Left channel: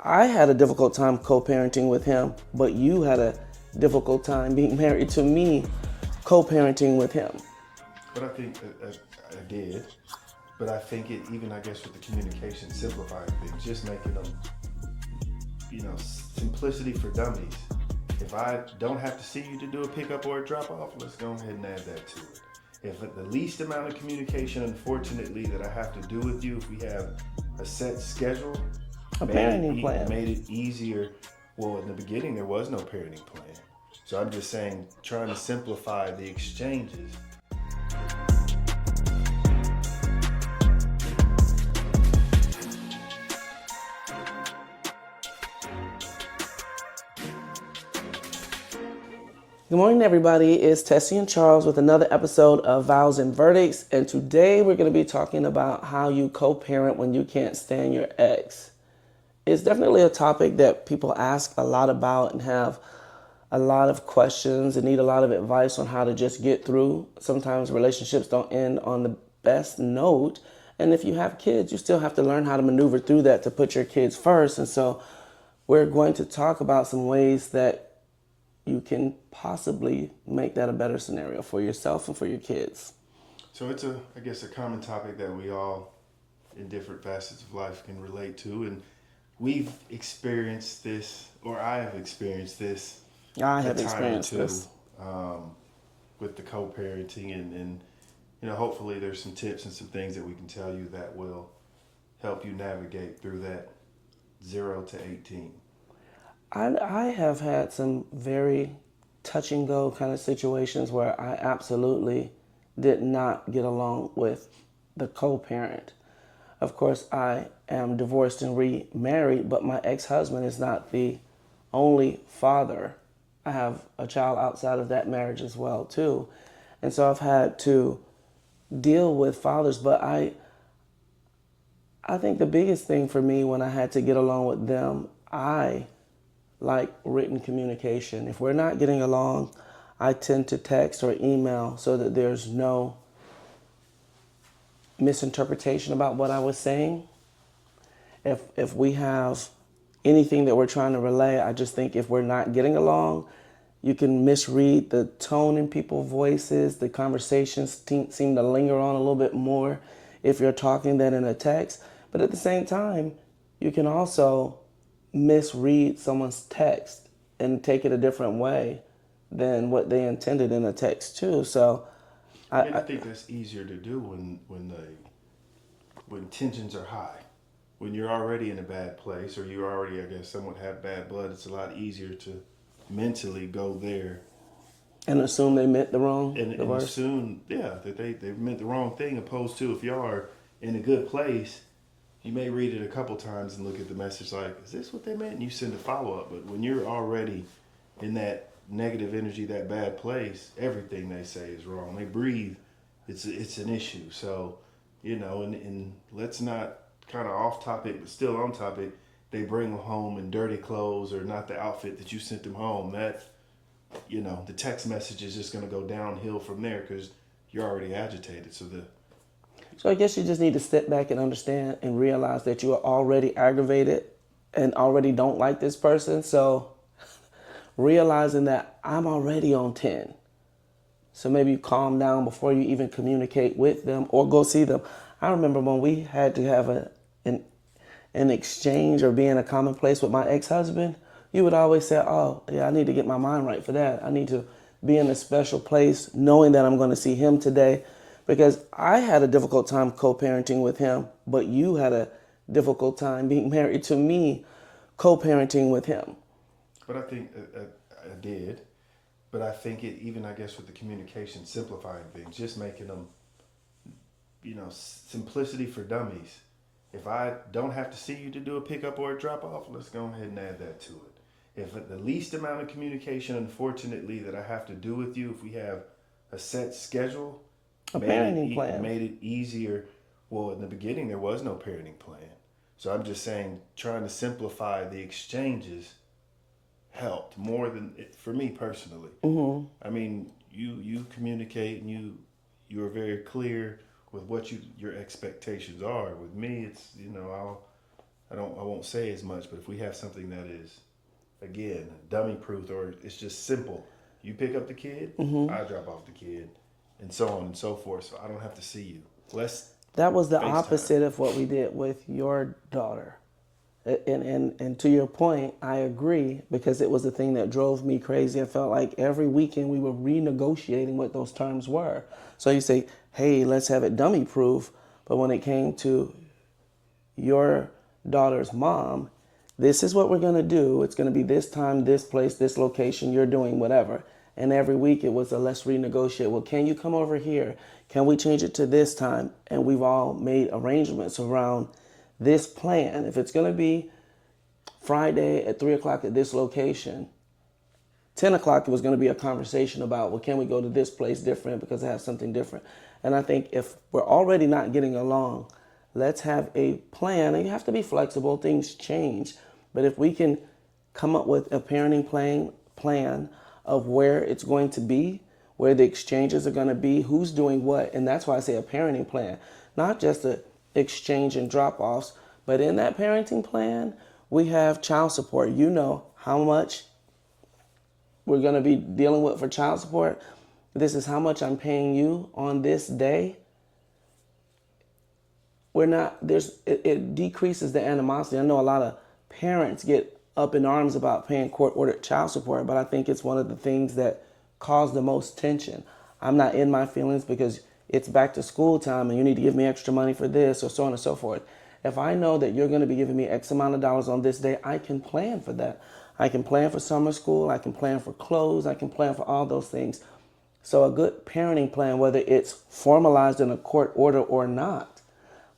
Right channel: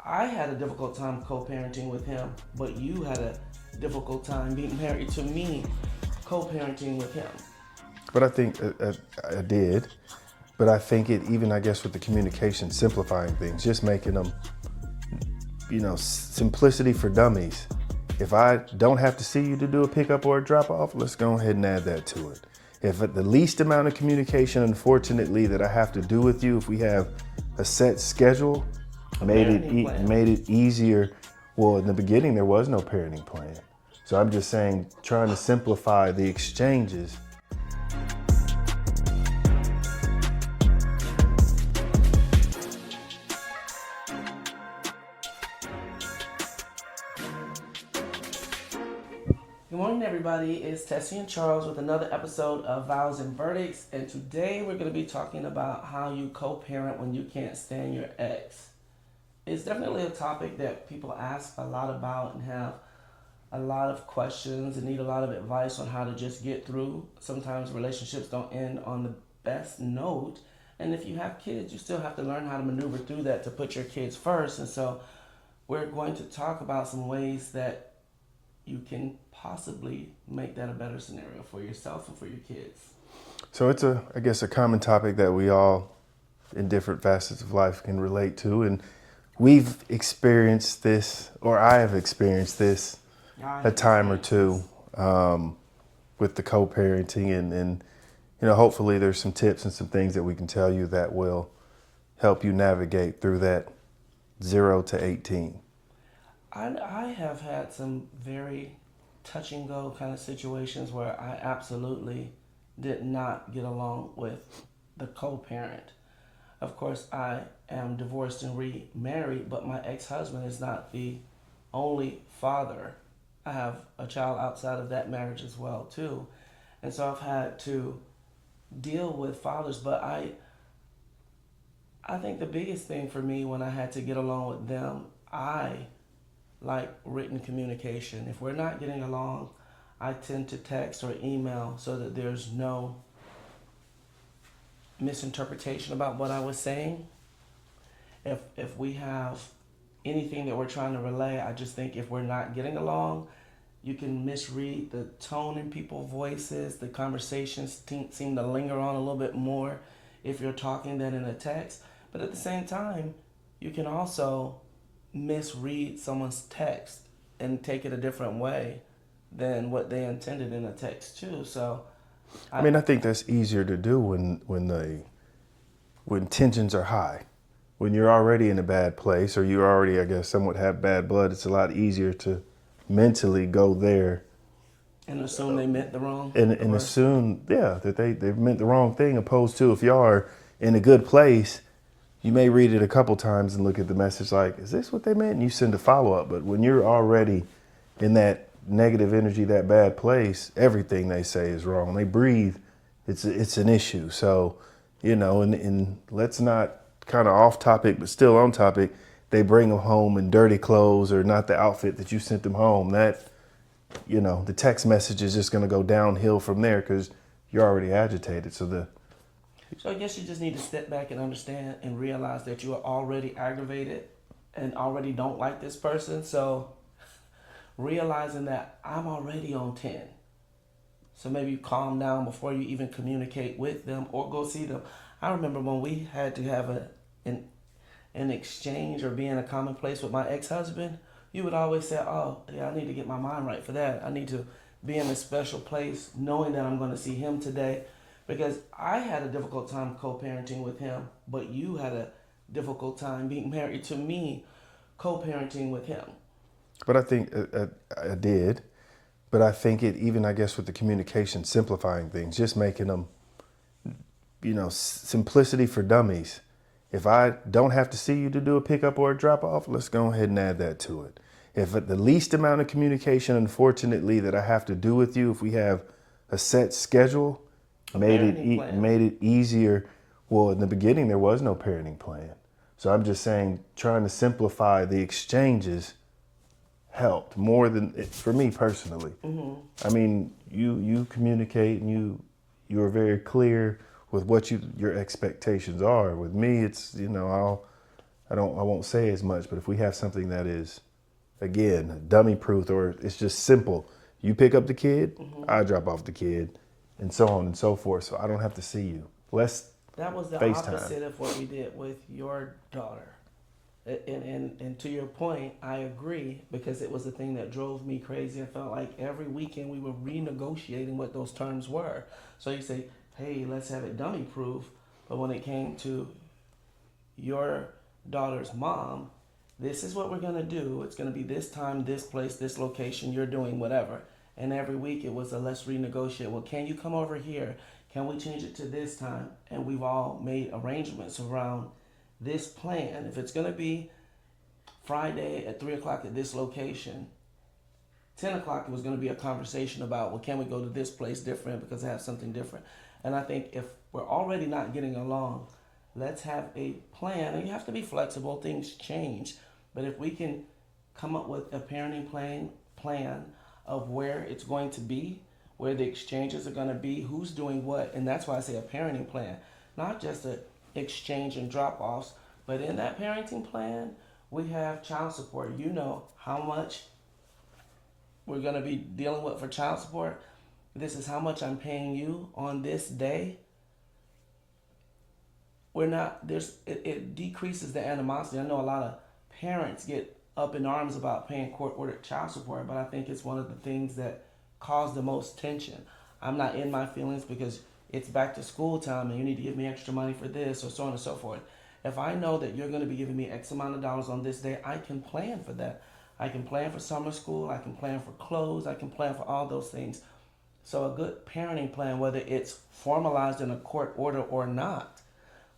I had a difficult time co-parenting with him, but you had a difficult time being married to me, co-parenting with him. But I think I did. But I think it, even I guess with the communication, simplifying things, just making them, simplicity for dummies. If I don't have to see you to do a pickup or a drop off, let's go ahead and add that to it. If at the least amount of communication, unfortunately, that I have to do with you, if we have a set schedule, made it easier. Well, in the beginning, there was no parenting plan. So I'm just saying, trying to simplify the exchanges. Good morning, everybody. It's Tessie and Charles with another episode of Vows and Verdicts. And today we're going to be talking about how you co-parent when you can't stand your ex. It's definitely a topic that people ask a lot about and have a lot of questions and need a lot of advice on how to just get through. Sometimes relationships don't end on the best note. And if you have kids, you still have to learn how to maneuver through that to put your kids first. And so we're going to talk about some ways that you can possibly make that a better scenario for yourself and for your kids. So it's I guess, a common topic that we all, in different facets of life, can relate to. And we've experienced this, or I have experienced this a time or two with the co-parenting. And hopefully there's some tips and some things that we can tell you that will help you navigate through that 0 to 18. I have had some very touch and go kind of situations where I absolutely did not get along with the co-parent. Of course, I am divorced and remarried, but my ex-husband is not the only father. I have a child outside of that marriage as well, too. And so I've had to deal with fathers, but I think the biggest thing for me when I had to get along with them, I like written communication. If we're not getting along, I tend to text or email so that there's no misinterpretation about what I was saying. If we have anything that we're trying to relay, I just think if we're not getting along, you can misread the tone in people's voices. The conversations seem to linger on a little bit more if you're talking than in a text. But at the same time, you can also misread someone's text and take it a different way than what they intended in a text too. So I think that's easier to do when tensions are high. When you're already in a bad place, or you already, I guess, somewhat have bad blood, it's a lot easier to mentally go there and assume they meant the wrong and assume that they meant the wrong thing, opposed to if you are in a good place, you may read it a couple times and look at the message like, is this what they meant? And you send a follow-up. But when you're already in that negative energy, that bad place, everything they say is wrong. They breathe, it's an issue. So, and let's not, kind of off topic, but still on topic, they bring them home in dirty clothes or not the outfit that you sent them home. That, the text message is just going to go downhill from there because you're already agitated. So I guess you just need to step back and understand and realize that you are already aggravated and already don't like this person. So realizing that I'm already on 10. So maybe you calm down before you even communicate with them or go see them. I remember when we had to have an exchange or be in a common place with my ex-husband, you would always say, oh, yeah, I need to get my mind right for that. I need to be in a special place knowing that I'm going to see him today. Because I had a difficult time co-parenting with him, but you had a difficult time being married to me, co-parenting with him. But I think I did. But I think it, even I guess with the communication, simplifying things, just making them, simplicity for dummies. If I don't have to see you to do a pickup or a drop off, let's go ahead and add that to it. If at the least amount of communication, unfortunately, that I have to do with you, if we have a set schedule, made it easier. Well, in the beginning, there was no parenting plan. So I'm just saying, trying to simplify the exchanges helped more than for me personally. Mm-hmm. I mean, you communicate and you are very clear with what your expectations are. With me, it's I won't say as much, but if we have something that is, again, dummy proof, or it's just simple, you pick up the kid, I drop off the kid, and so on and so forth. So I don't have to see you. Less That was the FaceTime. opposite of what we did with your daughter. And to your point, I agree, because it was the thing that drove me crazy. I felt like every weekend we were renegotiating what those terms were. So you say, hey, let's have it dummy proof. But when it came to your daughter's mom, this is what we're going to do. It's going to be this time, this place, this location. You're doing whatever. And every week it was a let's renegotiate. Well, can you come over here? Can we change it to this time? And we've all made arrangements around this plan. If it's going to be Friday at 3 o'clock at this location, 10 o'clock it was going to be a conversation about, well, can we go to this place different because I have something different? And I think if we're already not getting along, let's have a plan. And you have to be flexible. Things change. But if we can come up with a parenting plan of where it's going to be, where the exchanges are going to be, who's doing what. And that's why I say a parenting plan, not just a exchange and drop-offs, but in that parenting plan, we have child support. You know how much we're going to be dealing with for child support. This is how much I'm paying you on this day. It decreases the animosity. I know a lot of parents get up in arms about paying court-ordered child support, but I think it's one of the things that cause the most tension. I'm not in my feelings because it's back to school time and you need to give me extra money for this, or so on and so forth. If I know that you're going to be giving me X amount of dollars on this day, I can plan for that. I can plan for summer school. I can plan for clothes. I can plan for all those things. So a good parenting plan, whether it's formalized in a court order or not,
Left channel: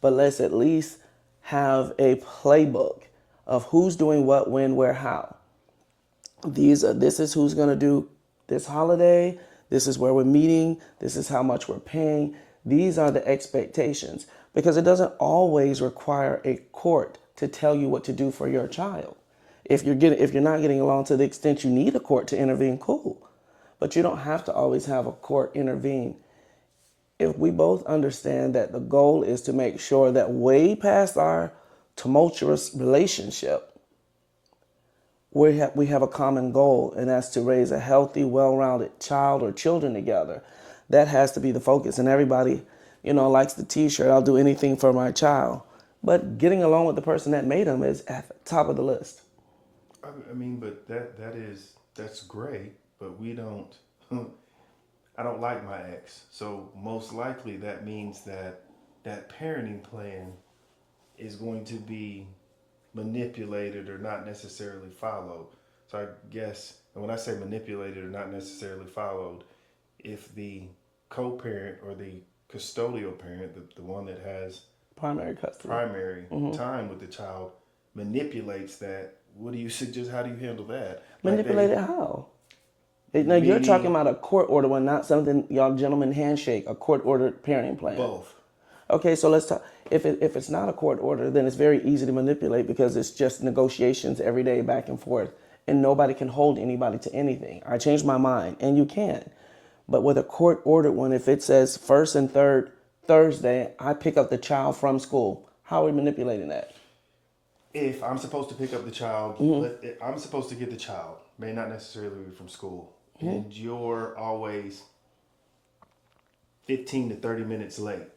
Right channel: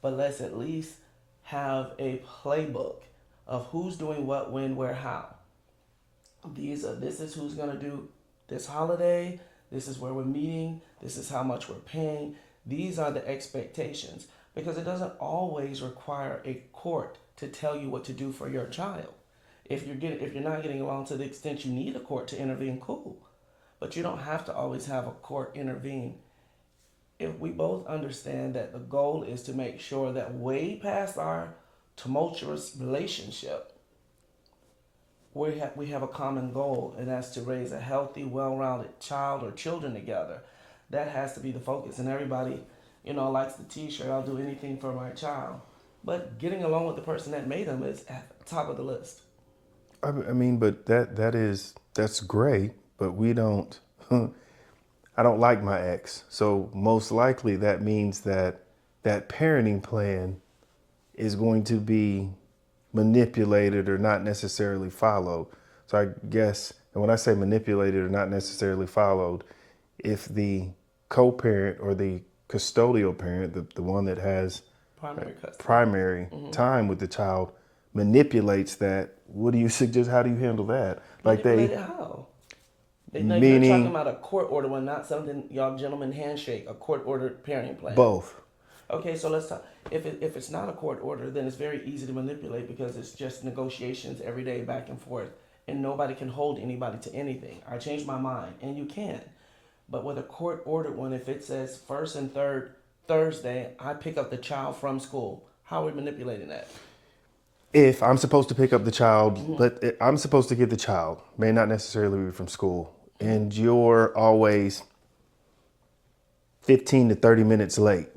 but let's at least have a playbook of who's doing what, when, where, how. This is who's going to do this holiday. This is where we're meeting. This is how much we're paying. These are the expectations, because it doesn't always require a court to tell you what to do for your child. If you're not getting along to the extent you need a court to intervene, cool. But you don't have to always have a court intervene. If we both understand that the goal is to make sure that way past our tumultuous relationship, we have a common goal, and that's to raise a healthy, well-rounded child or children together. That has to be the focus. And everybody, likes the t-shirt, I'll do anything for my child. But getting along with the person that made them is at the top of the list. I mean, but that's great, but we don't, I don't like my ex. So most likely that means that parenting plan is going to be manipulated or not necessarily followed. So I guess, and when I say manipulated or not necessarily followed, if the co-parent or the custodial parent, the one that has Primary custody. primary time with the child, manipulates that, what do you suggest? How do you handle that? Manipulate it how? Now you're talking about a court order one, not something y'all gentlemen handshake, a court-ordered parenting plan. Both. Okay, so let's talk. If it's not a court order, then it's very easy to manipulate because it's just negotiations every day back and forth, and nobody can hold anybody to anything. I changed my mind, and you can. But with a court-ordered one, if it says first and third Thursday, I pick up the child from school, how are we manipulating that? If I'm supposed to pick up the child, I'm supposed to get the child, may not necessarily be from school, and you're always 15 to 30 minutes late.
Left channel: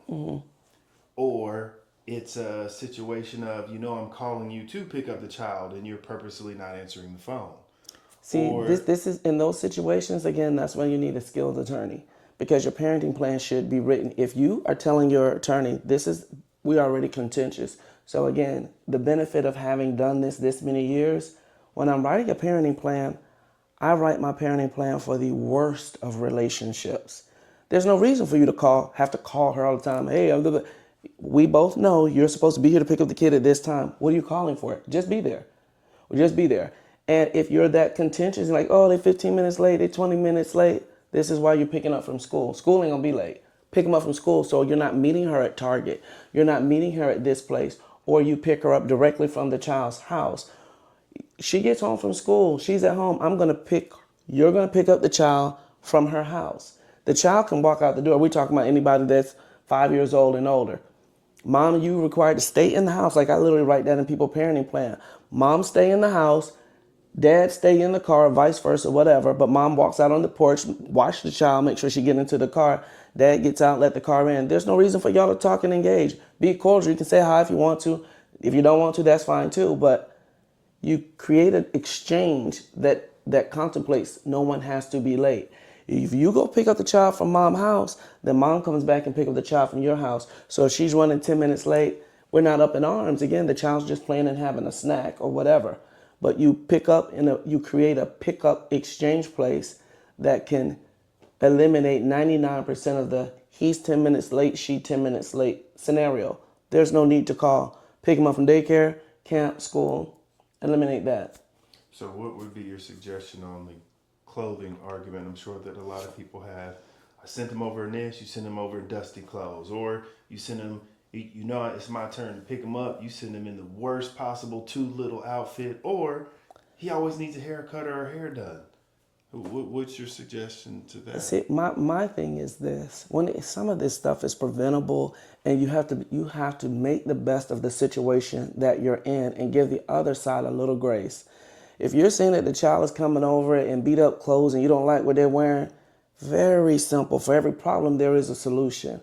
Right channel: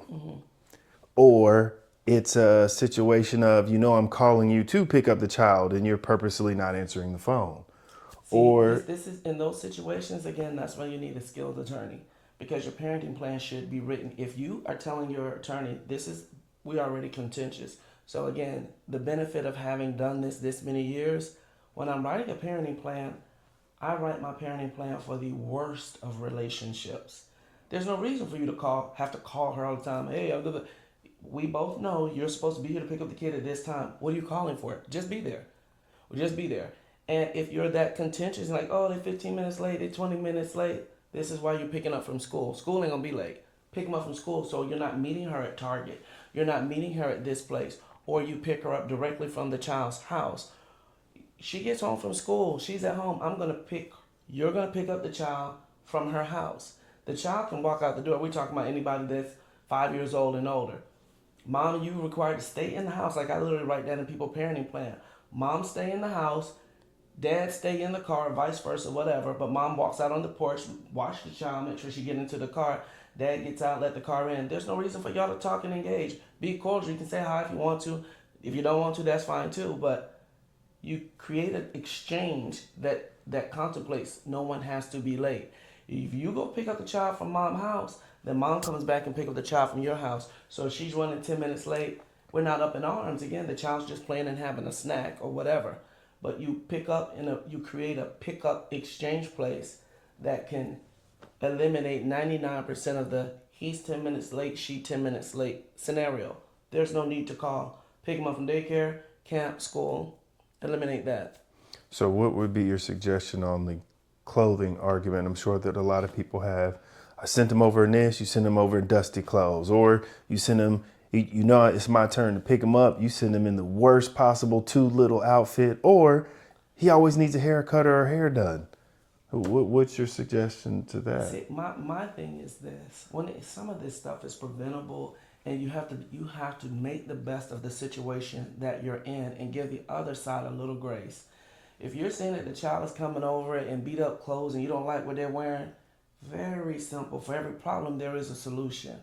Or it's a situation of, I'm calling you to pick up the child and you're purposely not answering the phone. See, this is in those situations, again, that's when you need a skilled attorney, because your parenting plan should be written. If you are telling your attorney, we're already contentious. So again, the benefit of having done this many years, when I'm writing a parenting plan, I write my parenting plan for the worst of relationships. There's no reason for you to have to call her all the time. Hey, we both know you're supposed to be here to pick up the kid at this time. What are you calling for? Just be there. Just be there. And if you're that contentious, like, oh, they're 15 minutes late, they're 20 minutes late, this is why you're picking up from school. School ain't gonna be late. Pick them up from school, so you're not meeting her at Target. You're not meeting her at this place. Or you pick her up directly from the child's house. She gets home from school. She's at home. You're going to pick up the child from her house. The child can walk out the door. We're talking about anybody that's 5 years old and older. Mom, you required to stay in the house. Like I literally write that in people parenting plan. Mom, stay in the house. Dad, stay in the car, vice versa, whatever. But mom walks out on the porch, watch the child, make sure she get into the car. Dad gets out, let the car in. There's no reason for y'all to talk and engage. Be cordial. You can say hi if you want to. If you don't want to, that's fine too. But you create an exchange that contemplates no one has to be late. If you go pick up the child from mom's house, then mom comes back and pick up the child from your house. So if she's running 10 minutes late, we're not up in arms. Again, the child's just playing and having a snack or whatever. But you pick up you create a pickup exchange place that can eliminate 99% of the he's 10 minutes late, she 10 minutes late scenario. There's no need to call. Pick him up from daycare, camp, school. Eliminate that. So what would be your suggestion on the clothing argument? I'm sure that a lot of people have. I sent him over in this, you send him over in dusty clothes. Or you send him, you know it's my turn to pick him up, you send him in the worst possible too little outfit. Or he always needs a haircut or a hair done. What's your suggestion to that? See, my thing is this: some of this stuff is preventable, and you have to make the best of the situation that you're in, and give the other side a little grace. If you're seeing that the child is coming over in beat up clothes and you don't like what they're wearing, very simple. For every problem, there is a solution.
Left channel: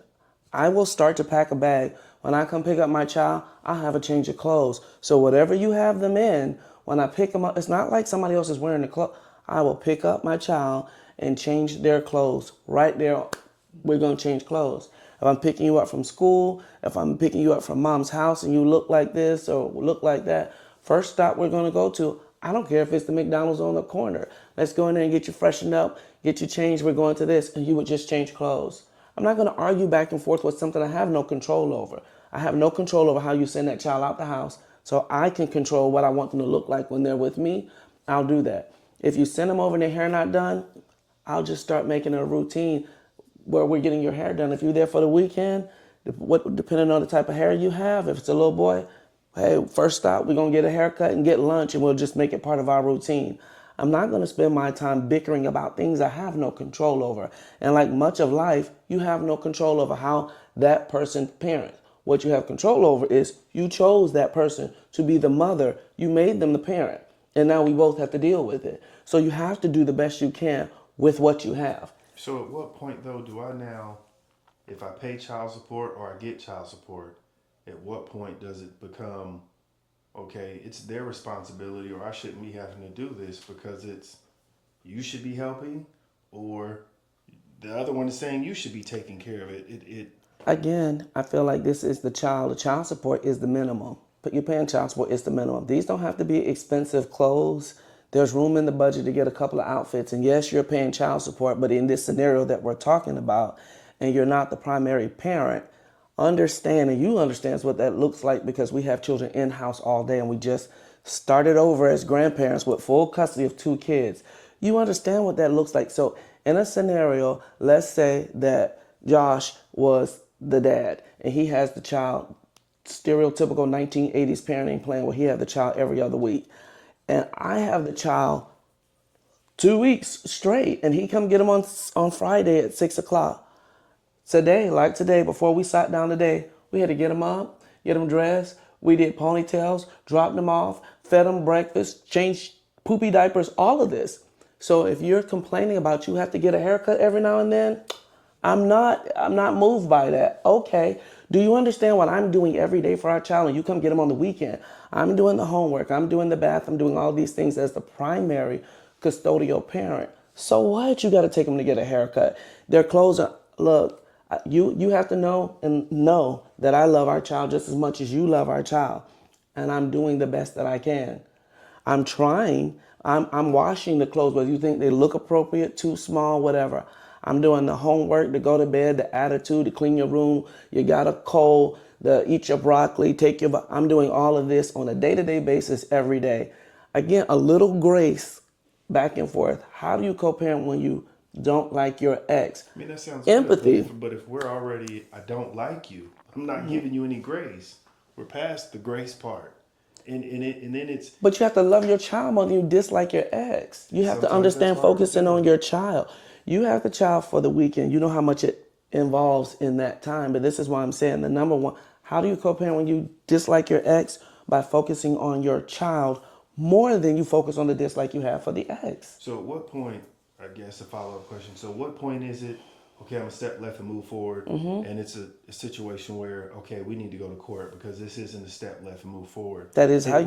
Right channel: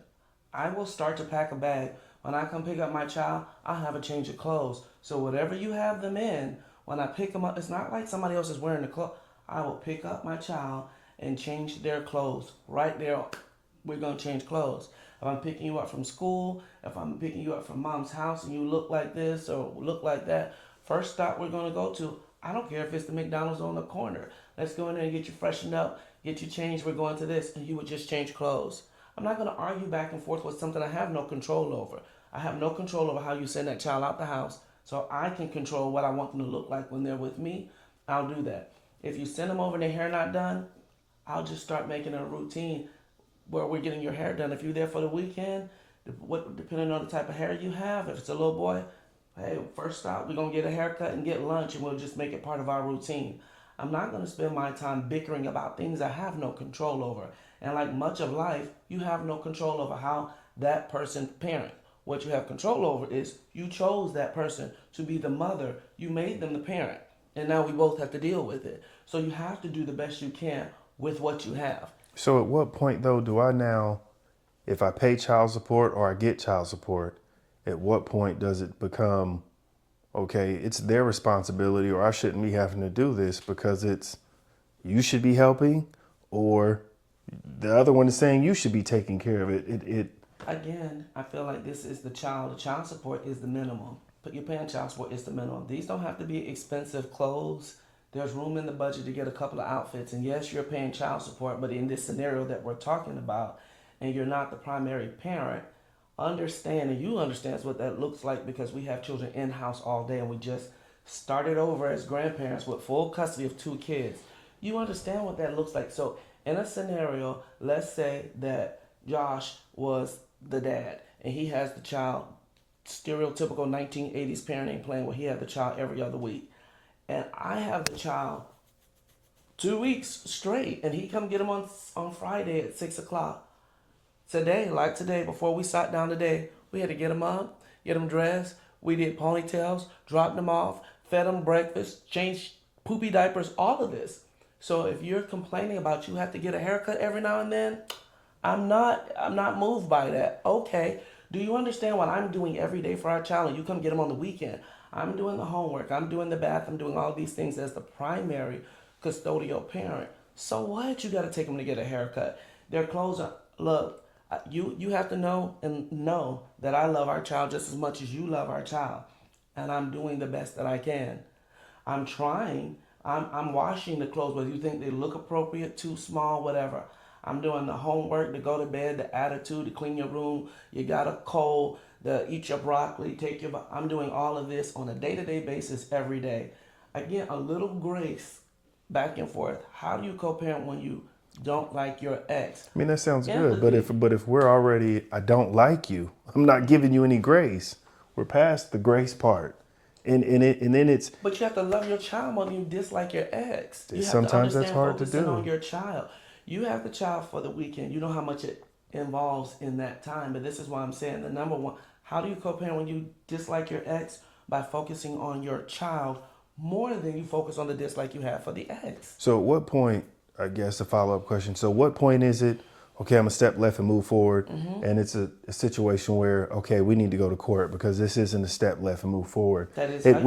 I will start to pack a bag. When I come pick up my child, I'll have a change of clothes. So whatever you have them in, when I pick them up, it's not like somebody else is wearing the clothes. I will pick up my child and change their clothes. Right there, we're going to change clothes. If I'm picking you up from school, if I'm picking you up from mom's house and you look like this or look like that, first stop we're going to go to, I don't care if it's the McDonald's on the corner. Let's go in there and get you freshened up, get you changed. We're going to this, and you would just change clothes. I'm not going to argue back and forth with something I have no control over. I have no control over how you send that child out the house, so I can control what I want them to look like when they're with me. I'll do that. If you send them over and their hair not done, I'll just start making a routine where we're getting your hair done. If you're there for the weekend, depending on the type of hair you have, if it's a little boy, hey, first stop, we're going to get a haircut and get lunch, and we'll just make it part of our routine. I'm not going to spend my time bickering about things I have no control over. And like much of life, you have no control over how that person parents. What you have control over is you chose that person to be the mother. You made them the parent. And now we both have to deal with it. So you have to do the best you can with what you have. So at what point, though, do I now, if I pay child support or I get child support, at what point does it become, okay, it's their responsibility, or I shouldn't be having to do this because it's, you should be helping, or the other one is saying you should be taking care of it. Again, I feel like this is the child. The child support is the minimum. But you're paying child support, it's the minimum. These don't have to be expensive clothes. There's room in the budget to get a couple of outfits. And yes, you're paying child support, but in this scenario that we're talking about, and you're not the primary parent, understand, and you understand what that looks like, because we have children in-house all day, and we just started over as grandparents with full custody of 2 kids. You understand what that looks like. So in a scenario, let's say that Josh was the dad, and he has the child, stereotypical 1980s parenting plan where he had the child every other week. And I have the child 2 weeks straight, and he come get him on Friday at 6 o'clock. Today, before we sat down today, we had to get him up, get him dressed. We did ponytails, dropped him off, fed him breakfast, changed poopy diapers, all of this. So if you're complaining about you have to get a haircut every now and then, I'm not moved by that. Okay. Do you understand what I'm doing every day for our child, and you come get him on the weekend? I'm doing the homework. I'm doing the bath. I'm doing all these things as the primary custodial parent. So what? You got to take them to get a haircut. Their clothes are, look, you have to know that I love our child just as much as you love our child. And I'm doing the best that I can. I'm trying. I'm washing the clothes, whether you think they look appropriate, too small, whatever. I'm doing the homework, to go to bed, the attitude, to clean your room. You got a cold, to eat your broccoli, I'm doing all of this on a day-to-day basis every day. Again, a little grace back and forth. How do you co-parent when you don't like your ex? I mean, that sounds Empathy. good, but if we're already, I don't like you, I'm not giving you any grace. We're past the grace part. And then it's... But you have to love your child more than you dislike your ex. You have to understand that's hard to focusing do. on your child. You have the child for the weekend. You know how much it involves in that time. But this is why I'm saying the number one, How do you co-parent when you dislike your ex? By focusing on your child more than you focus on the dislike you have for the ex. So at what point, I guess a follow-up question. So what point is it, okay, I'm a step left and move forward, and it's a situation where, okay, we need to go to court because this isn't a step left and move forward. That is how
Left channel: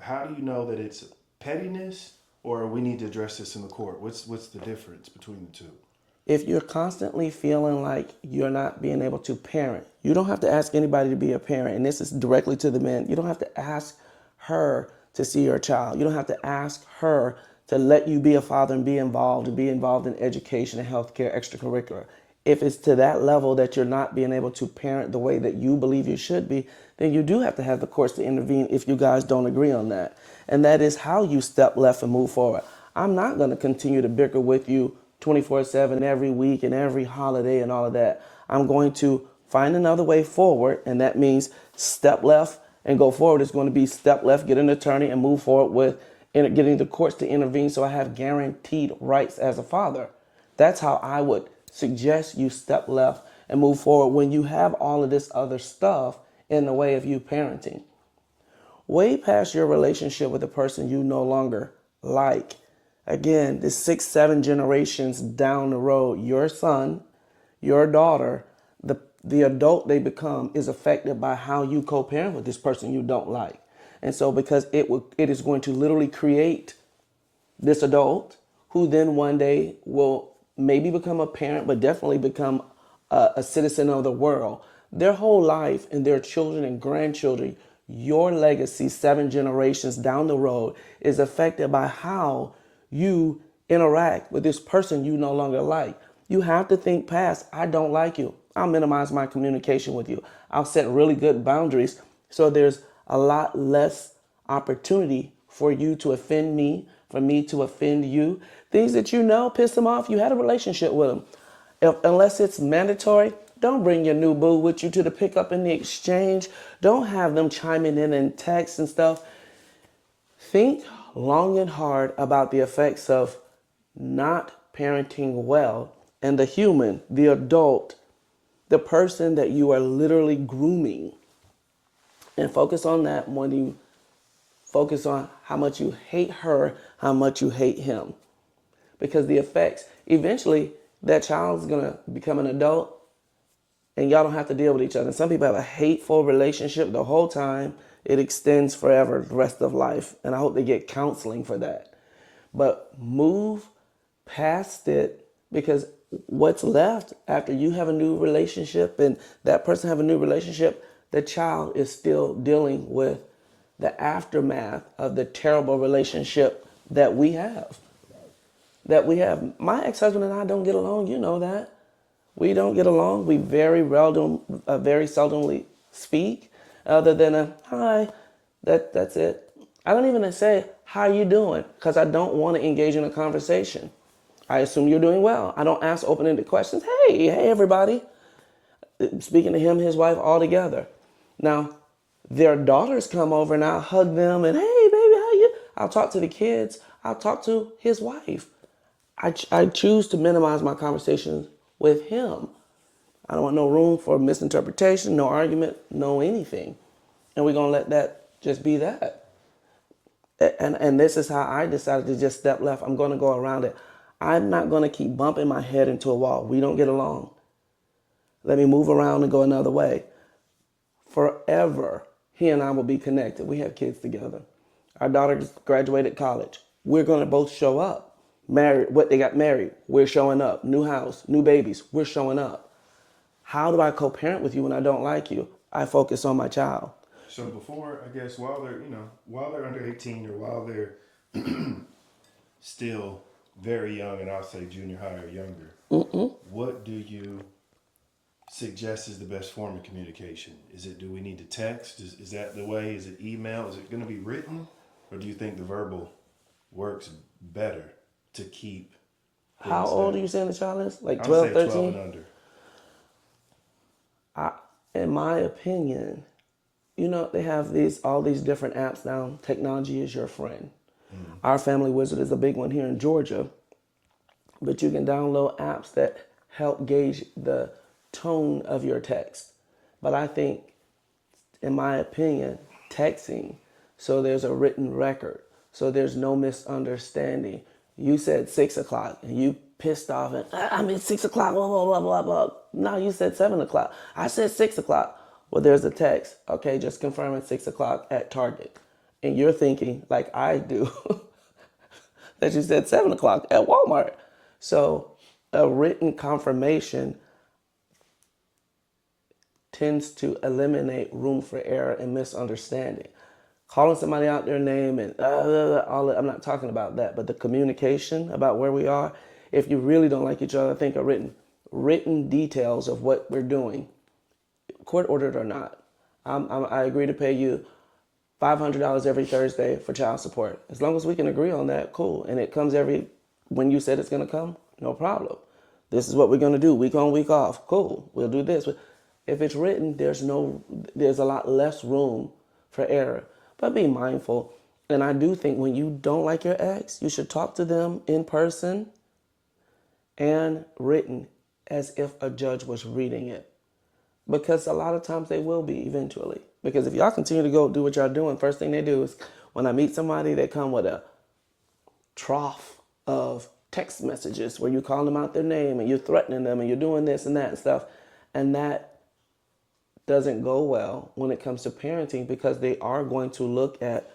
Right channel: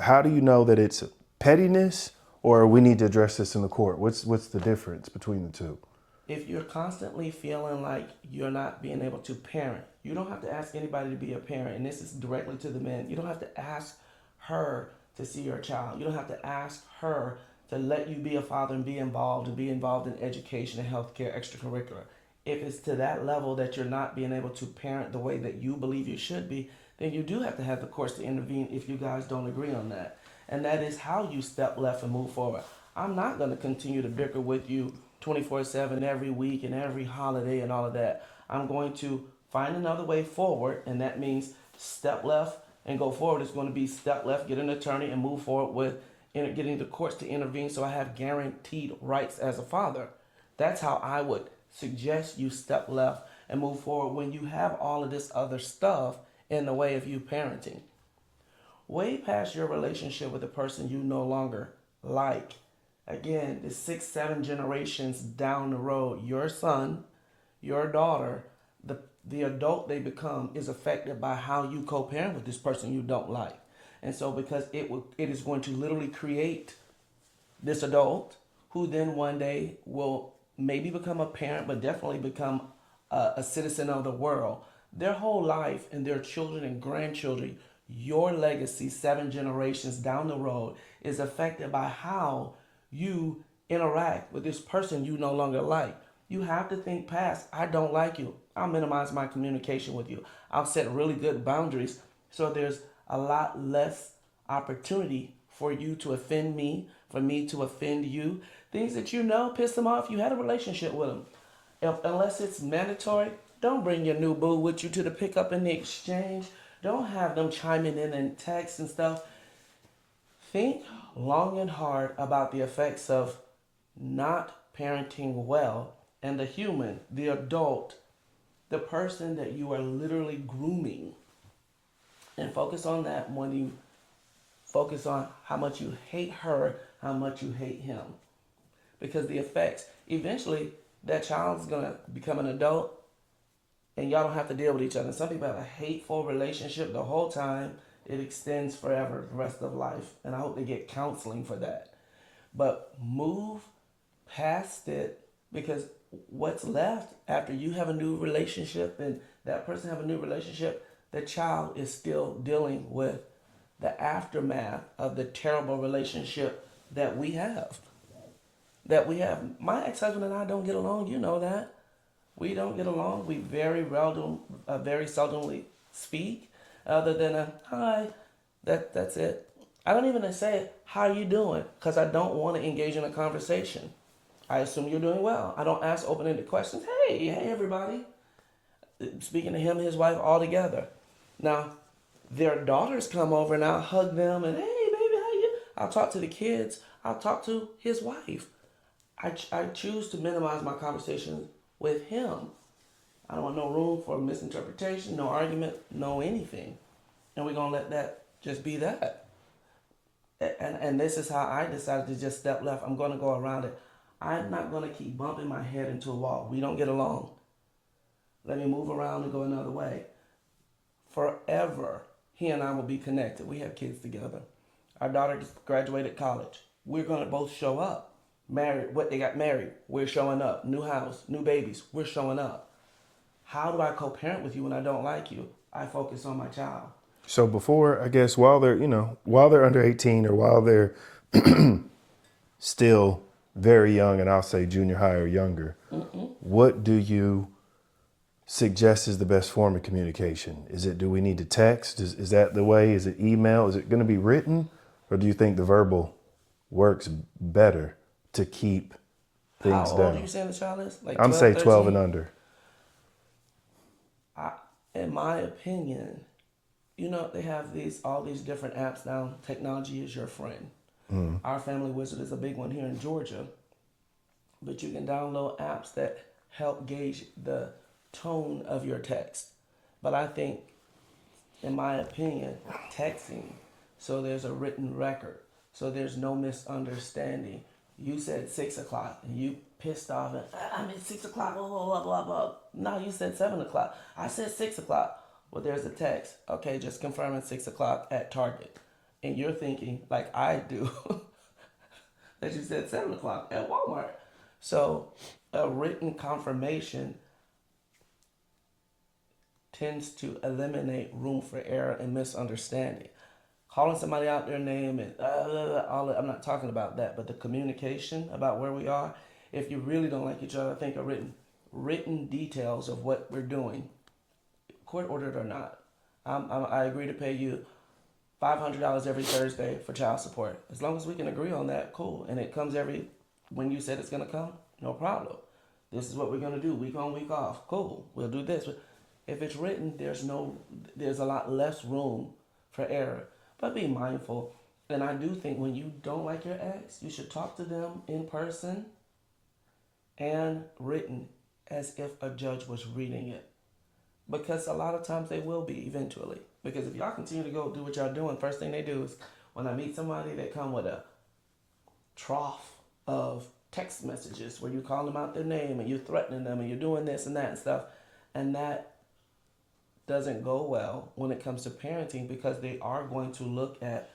how do you know that it's pettiness or we need to address this in the court? What's the difference between the two? If you're constantly feeling like you're not being able to parent, you don't have to ask anybody to be a parent. And this is directly to the men. You don't have to ask her to see your child. You don't have to ask her to let you be a father and be involved in education and healthcare, extracurricular. If it's to that level that you're not being able to parent the way that you believe you should be, then you do have to have the courts to intervene if you guys don't agree on that. And that is how you step left and move forward. I'm not going to continue to bicker with you 24/7 every week and every holiday and all of that. I'm going to find another way forward, and that means step left and go forward. It's going to be step left, get an attorney, and move forward with getting the courts to intervene so I have guaranteed rights as a father. That's how I would suggest you step left and move forward when you have all of this other stuff in the way of you parenting. Way past your relationship with a person you no longer like. Again, this 6, 7 generations down the road, your son, your daughter, the adult they become is affected by how you co-parent with this person you don't like. And so because it is going to literally create this adult who then one day will maybe become a parent, but definitely become a citizen of the world. Their whole life and their children and grandchildren, your legacy 7 generations down the road is affected by how you interact with this person you no longer like. You have to think past, I don't like you. I'll minimize my communication with you. I'll set really good boundaries so there's a lot less opportunity for you to offend me, for me to offend you. Things that you know piss them off, you had a relationship with them. Unless it's mandatory, don't bring your new boo with you to the pickup and the exchange. Don't have them chiming in text and stuff. Think long and hard about the effects of not parenting well and the human, the adult, the person that you are literally grooming. And focus on that more than you focus on how much you hate her, how much you hate him. Because the effects, eventually that child is going to become an adult and y'all don't have to deal with each other. Some people have a hateful relationship the whole time. It extends forever, the rest of life. And I hope they get counseling for that. But move past it, because what's left after you have a new relationship and that person have a new relationship, the child is still dealing with the aftermath of the terrible relationship that we have. My ex-husband and I don't get along. You know that. We don't get along. We very seldomly speak, other than a hi. That's it. I don't even say how are you doing, because I don't want to engage in a conversation. I assume you're doing well. I don't ask open-ended questions. Hey everybody. Speaking to him, his wife, all together. Now, their daughters come over and I'll hug them and hey baby, how you? I'll talk to the kids. I'll talk to his wife. I choose to minimize my conversations with him. I don't want no room for misinterpretation, no argument, no anything. And we're going to let that just be that. And this is how I decided to just step left. I'm going to go around it. I'm not going to keep bumping my head into a wall. We don't get along. Let me move around and go another way. Forever, he and I will be connected. We have kids together. Our daughter just graduated college. We're going to both show up. They got married. We're showing up. New house, new babies. We're showing up. How do I co-parent with you when I don't like you? I focus on my child. So before, I guess, while they're under 18 or while they're still very young, and I'll say junior high or younger, what do you suggest is the best form of communication? Do we need to text? Is that the way? Is it email? Is it going to be written? Or do you think the verbal works better to keep things down? How old are you saying the child is? Like 12, I'm saying 12 13? and under. In my opinion, they have all these different apps now. Technology is your friend. Our Family Wizard is a big one here in Georgia. But you can download apps that help gauge the tone of your text. But I think, in my opinion, texting, so there's a written record, so there's no misunderstanding. You said 6 o'clock, and you pissed off, and I mean 6 o'clock, blah blah blah blah blah. No, you said 7 o'clock. I said 6 o'clock. Well, there's a text. Okay, just confirming 6 o'clock at Target, and you're thinking like I do that you said 7 o'clock at Walmart. So a written confirmation tends to eliminate room for error and misunderstanding. Calling somebody out their name and all that, I'm not talking about that, but the communication about where we are. If you really don't like each other, I think a written details of what we're doing, court ordered or not. I agree to pay you $500 every Thursday for child support. As long as we can agree on that, cool. And it comes when you said it's gonna come, no problem. This is what we're gonna do, week on, week off. Cool, we'll do this. If it's written, there's a lot less room for error. But be mindful. And I do think when you don't like your ex, you should talk to them in person and written as if a judge was reading it. Because a lot of times they will be eventually. Because if y'all continue to go do what y'all doing, first thing they do is when I meet somebody, they come with a trough of text messages where you call them out their name and you're threatening them and you're doing this and that and stuff. And that doesn't go well when it comes to parenting, because they are going to look at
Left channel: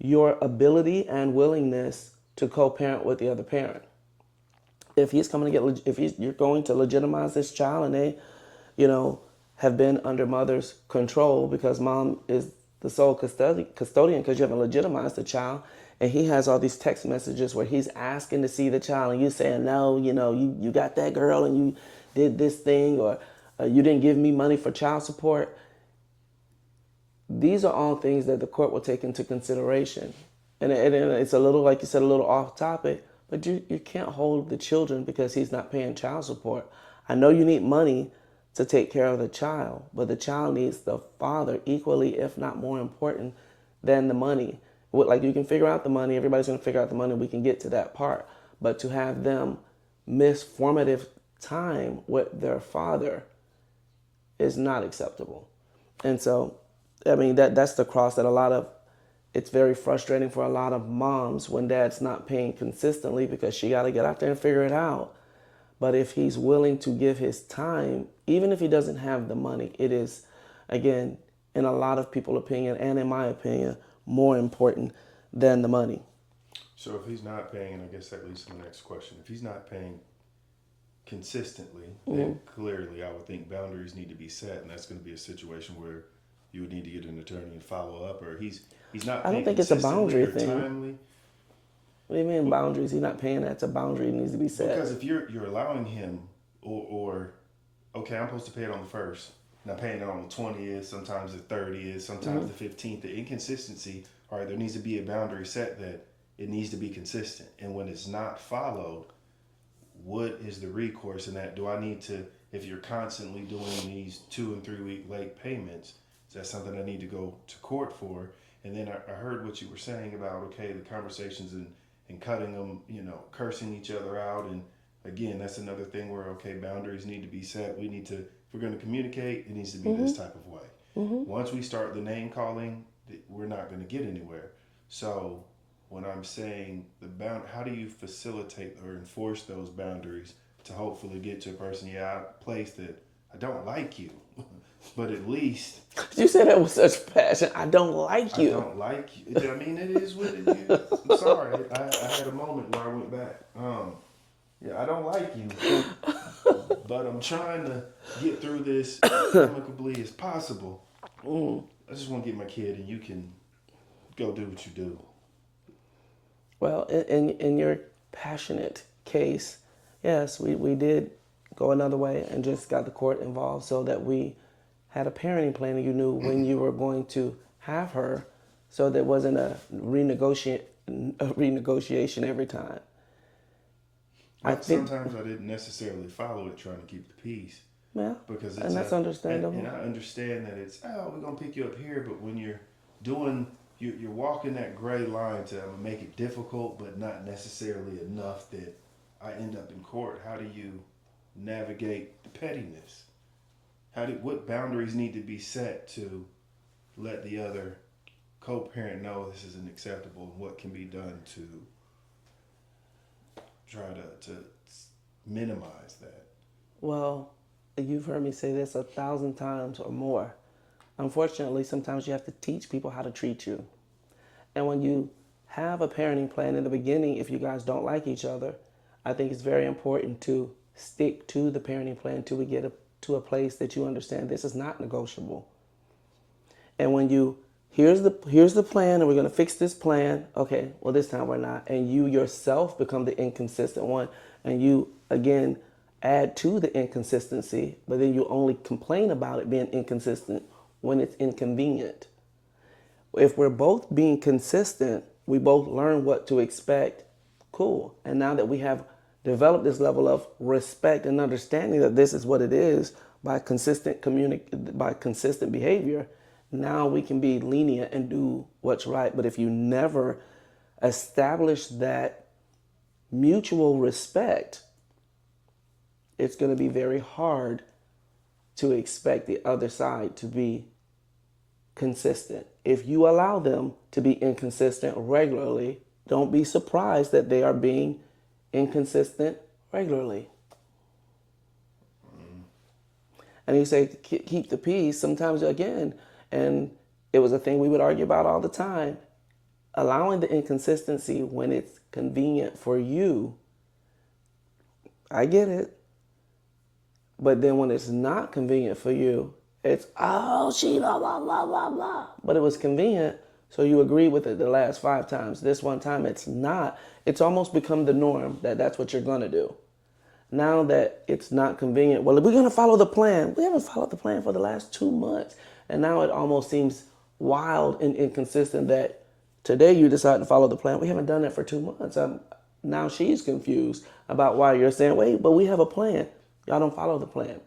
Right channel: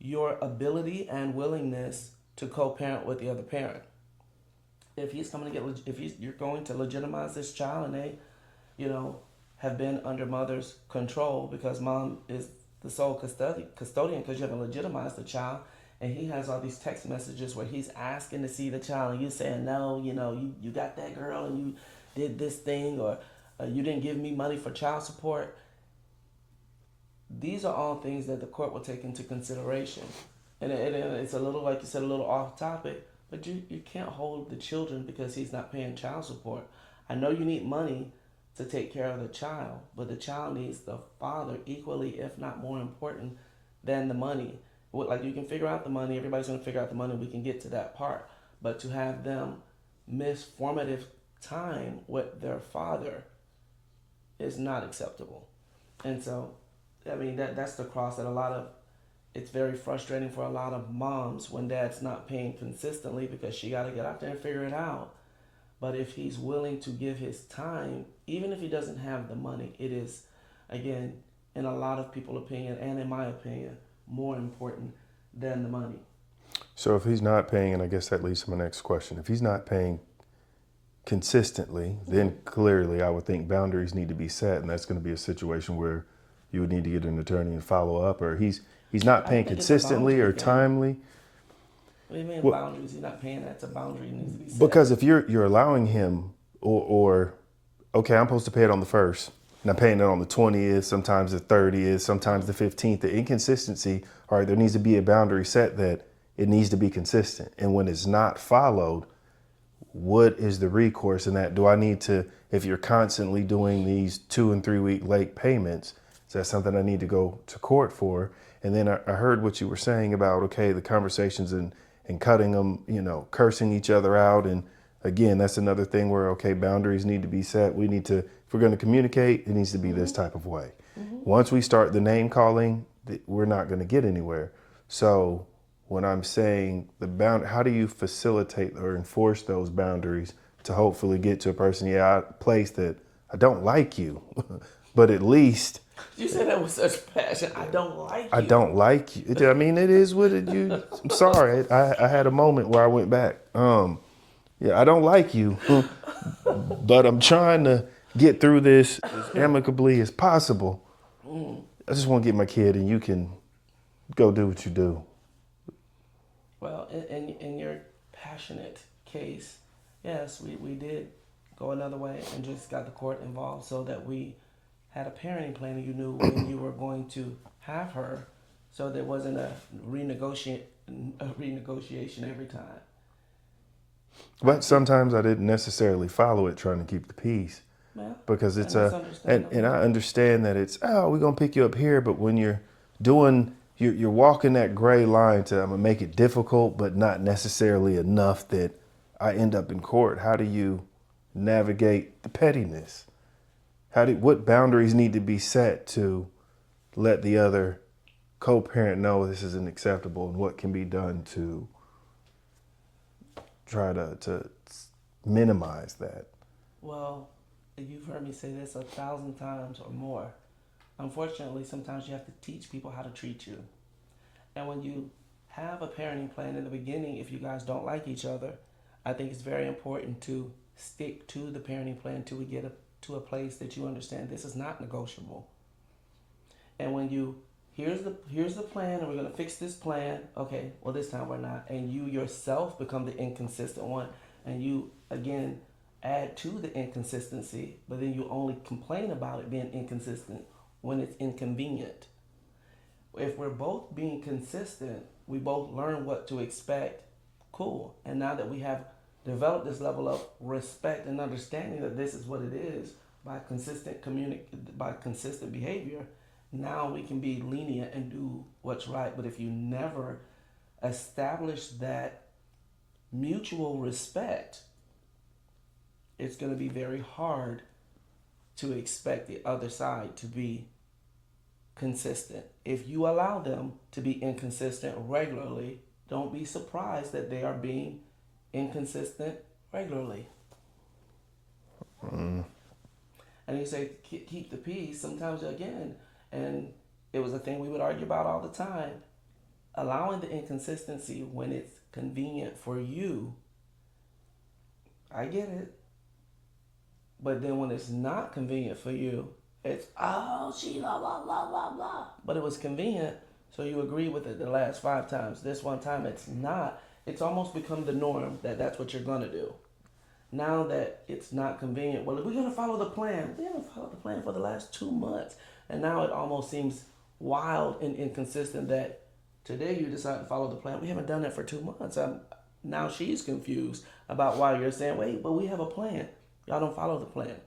your ability and willingness to co-parent with the other parent. If you're going to legitimize this child and they, have been under mother's control because mom is the sole custodian because you haven't legitimized the child, and he has all these text messages where he's asking to see the child and you saying no, you got that girl and you did this thing, or you didn't give me money for child support. These are all things that the court will take into consideration. And it's a little, like you said, a little off topic, but you can't hold the children because he's not paying child support. I know you need money to take care of the child, but the child needs the father equally, if not more important, than the money. Like, you can figure out the money, everybody's gonna figure out the money, we can get to that part. But to have them miss formative time with their father is not acceptable. And so, I mean, that's the cross that it's very frustrating for a lot of moms when dad's not paying consistently, because she got to get out there and figure it out. But if he's willing to give his time, even if he doesn't have the money, it is, again, in a lot of people's opinion, and in my opinion, more important than the money. So if he's not paying, and I guess that leads to my next question, if he's not paying consistently, then clearly I would think boundaries need to be set, and that's going to be a situation where you would need to get an attorney and follow up, or he's not paying consistently or timely. What do you mean boundaries? He's not paying, that's a boundary that needs to be set. Because if you're allowing him, or okay, I'm supposed to pay it on the 1st, and I'm paying it on the 20th, sometimes the 30th, sometimes the 15th, the inconsistency, all right, there needs to be a boundary set that it needs to be consistent. And when it's not followed, what is the recourse in that? Do I need to, if you're constantly doing these 2 and 3 week late payments, is that something I need to go to court for? And then I heard what you were saying about, okay, the conversations and cutting them, cursing each other out. And again, that's another thing where, okay, boundaries need to be set. We need to, if we're going to communicate, it needs to be this type of way. Once we start the name calling, we're not going to get anywhere. So when I'm saying how do you facilitate or enforce those boundaries to hopefully get to a person, place that I don't like you, but at least. You said that with such passion. I don't like you. I don't like you. I mean, it is what it is. I'm sorry. I had a moment where I went back. I don't like you, but I'm trying to get through this amicably as possible. I just want to get my kid, and you can go do what you do. Well, in your passionate case, yes, we did go another way and just got the court involved so that we had a parenting plan and you knew when you were going to have her, so there wasn't a renegotiation every time. But sometimes I didn't necessarily follow it trying to keep the peace. Yeah, because it's and I understand that it's, we're going to pick you up here, but when you're walking that gray line to, I'm going to make it difficult, but not necessarily enough that I end up in court. How do you navigate the pettiness? What boundaries need to be set to let the other co-parent know this isn't acceptable, and what can be done to try to minimize that? Well, you've heard me say this 1,000 times or more. Unfortunately, sometimes you have to teach people how to treat you. And when you have a parenting plan in the beginning, if you guys don't like each other, I think it's very important to stick to the parenting plan until we get to a place that you understand this is not negotiable. And when you here's the plan and we're going to fix this plan, okay, well this time we're not, and you yourself become the inconsistent one, and you again add to the inconsistency, but then you only complain about it being inconsistent when it's inconvenient. If we're both being consistent, we both learn what to expect. Cool. And now that we have developed this level of respect and understanding that this is what it is by consistent by consistent behavior, now we can be lenient and do what's right. But if you never establish that mutual respect, it's going to be very hard to expect the other side to be consistent. If you allow them to be inconsistent regularly, don't be surprised that they are being inconsistent regularly. And you say, keep the peace. Sometimes, again, and it was a thing we would argue about all the time, allowing the inconsistency when it's convenient for you. I get it. But then when it's not convenient for you, it's, oh, she blah, blah, blah, blah, blah. But it was convenient, so you agree with it the last 5 times. This one time it's not. It's almost become the norm that that's what you're going to do. Now that it's not convenient, well, we're going to follow the plan. We haven't followed the plan for the last 2 months. And now it almost seems wild and inconsistent that today you decide to follow the plan. We haven't done it for 2 months. Now she's confused about why you're saying, wait, but we have a plan. Y'all don't follow the plan.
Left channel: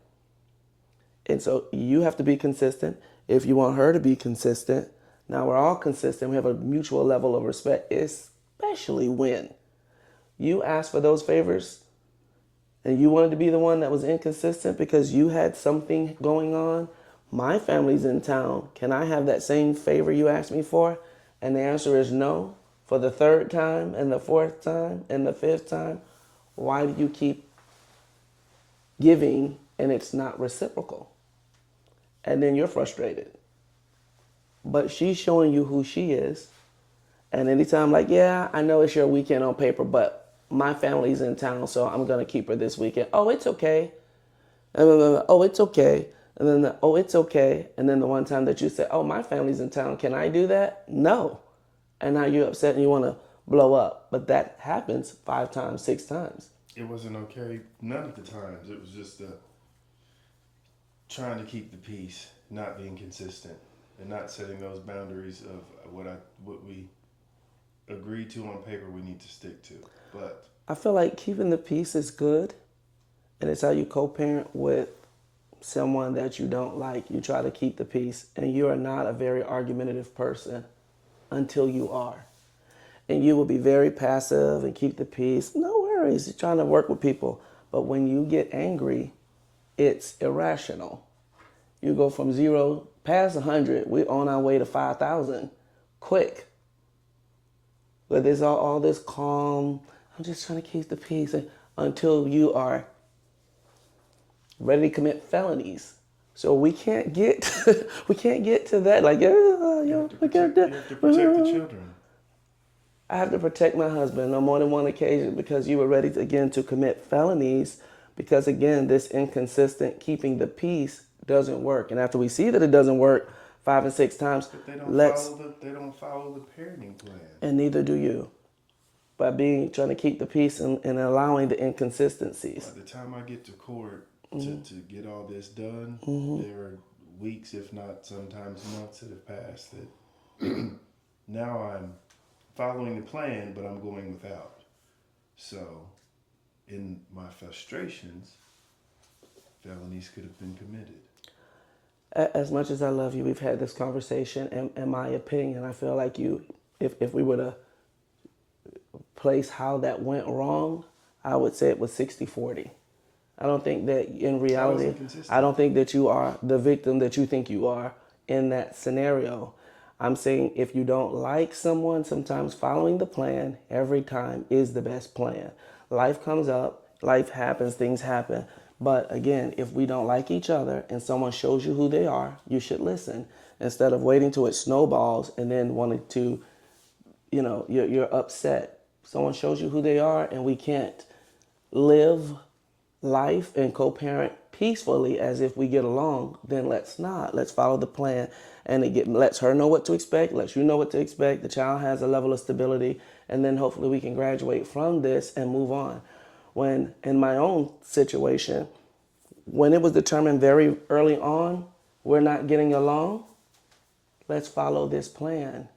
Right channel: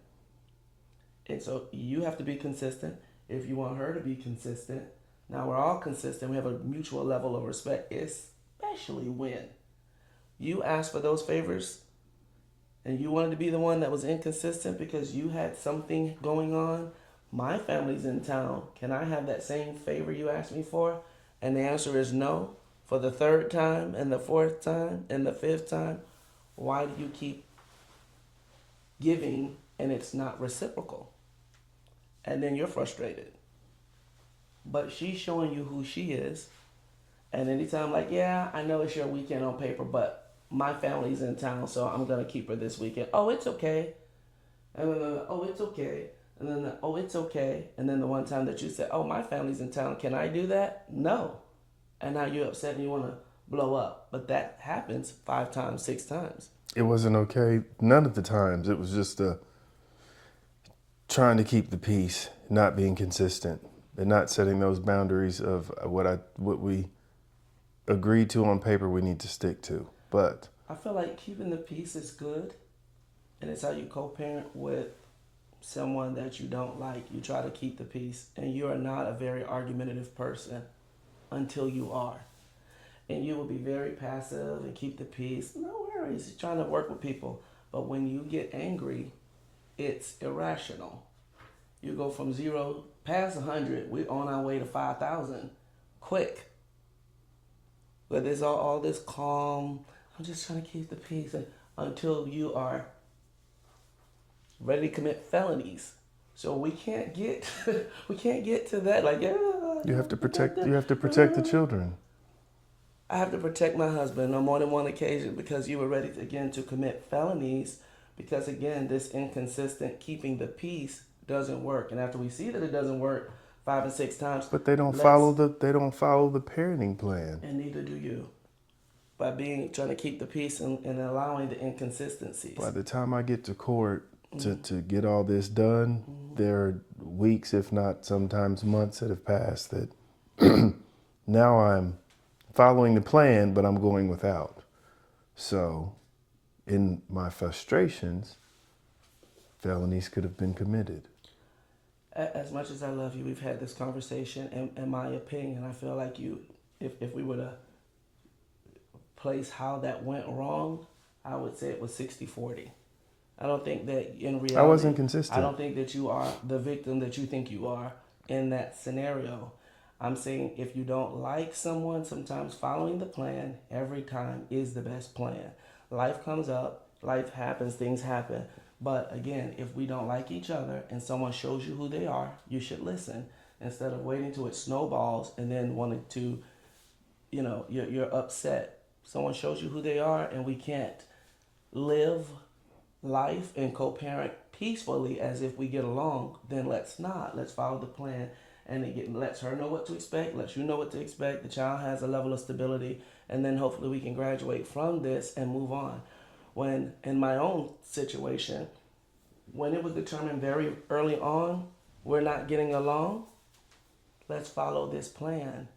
And so you have to be consistent. If you want her to be consistent, now we're all consistent. We have a mutual level of respect, especially when you ask for those favors and you wanted to be the one that was inconsistent because you had something going on. My family's in town. Can I have that same favor you asked me for? And the answer is no. For the 3rd time and the 4th time and the 5th time, why do you keep giving and it's not reciprocal? And then you're frustrated. But she's showing you who she is. And anytime, like, yeah, I know it's your weekend on paper, but my family's in town, so I'm going to keep her this weekend. Oh, it's okay. Oh, it's okay. And then, oh, it's okay. And then the one time that you say, oh, my family's in town, can I do that? No. And now you're upset and you want to blow up. But that happens 5 times, 6 times. It wasn't okay none of the times. It was just trying to keep the peace, not being consistent, and not setting those boundaries of what we agreed to on paper we need to stick to. But I feel like keeping the peace is good, and it's how you co-parent with someone that you don't like. You try to keep the peace, and you are not a very argumentative person until you are. And you will be very passive and keep the peace. No worries, you're trying to work with people. But when you get angry, it's irrational. You go from 0 past 100, we're on our way to 5,000 quick. But there's all this calm, I'm just trying to keep the peace until you are ready to commit felonies. So we can't get to that. Like, you have to protect the children. I have to protect my husband on more than one occasion because you were ready to commit felonies. Because again, this inconsistent keeping the peace doesn't work. And after we see that it doesn't work 5 and 6 times, but they don't follow the parenting plan. And neither do you. By trying to keep the peace and allowing the inconsistencies. By the time I get to court to get all this done, there are weeks, if not sometimes months, that have passed that now I'm following the plan, but I'm going without. So in my frustrations, felonies could have been committed. As much as I love you, we've had this conversation. In my opinion, I feel like if we were to place how that went wrong, I would say it was 60-40. I don't think that in reality, I wasn't consistent. I don't think that you are the victim that you think you are in that scenario. I'm saying if you don't like someone, sometimes following the plan every time is the best plan. Life comes up, life happens, things happen. But again, if we don't like each other and someone shows you who they are, you should listen instead of waiting till it snowballs and then wanting to, you're upset. Someone shows you who they are and we can't live life and co-parent peacefully as if we get along, then let's not. Let's follow the plan. And it lets her know what to expect, lets you know what to expect. The child has a level of stability, and then hopefully we can graduate from this and move on. When in my own situation, when it was determined very early on, we're not getting along, let's follow this plan.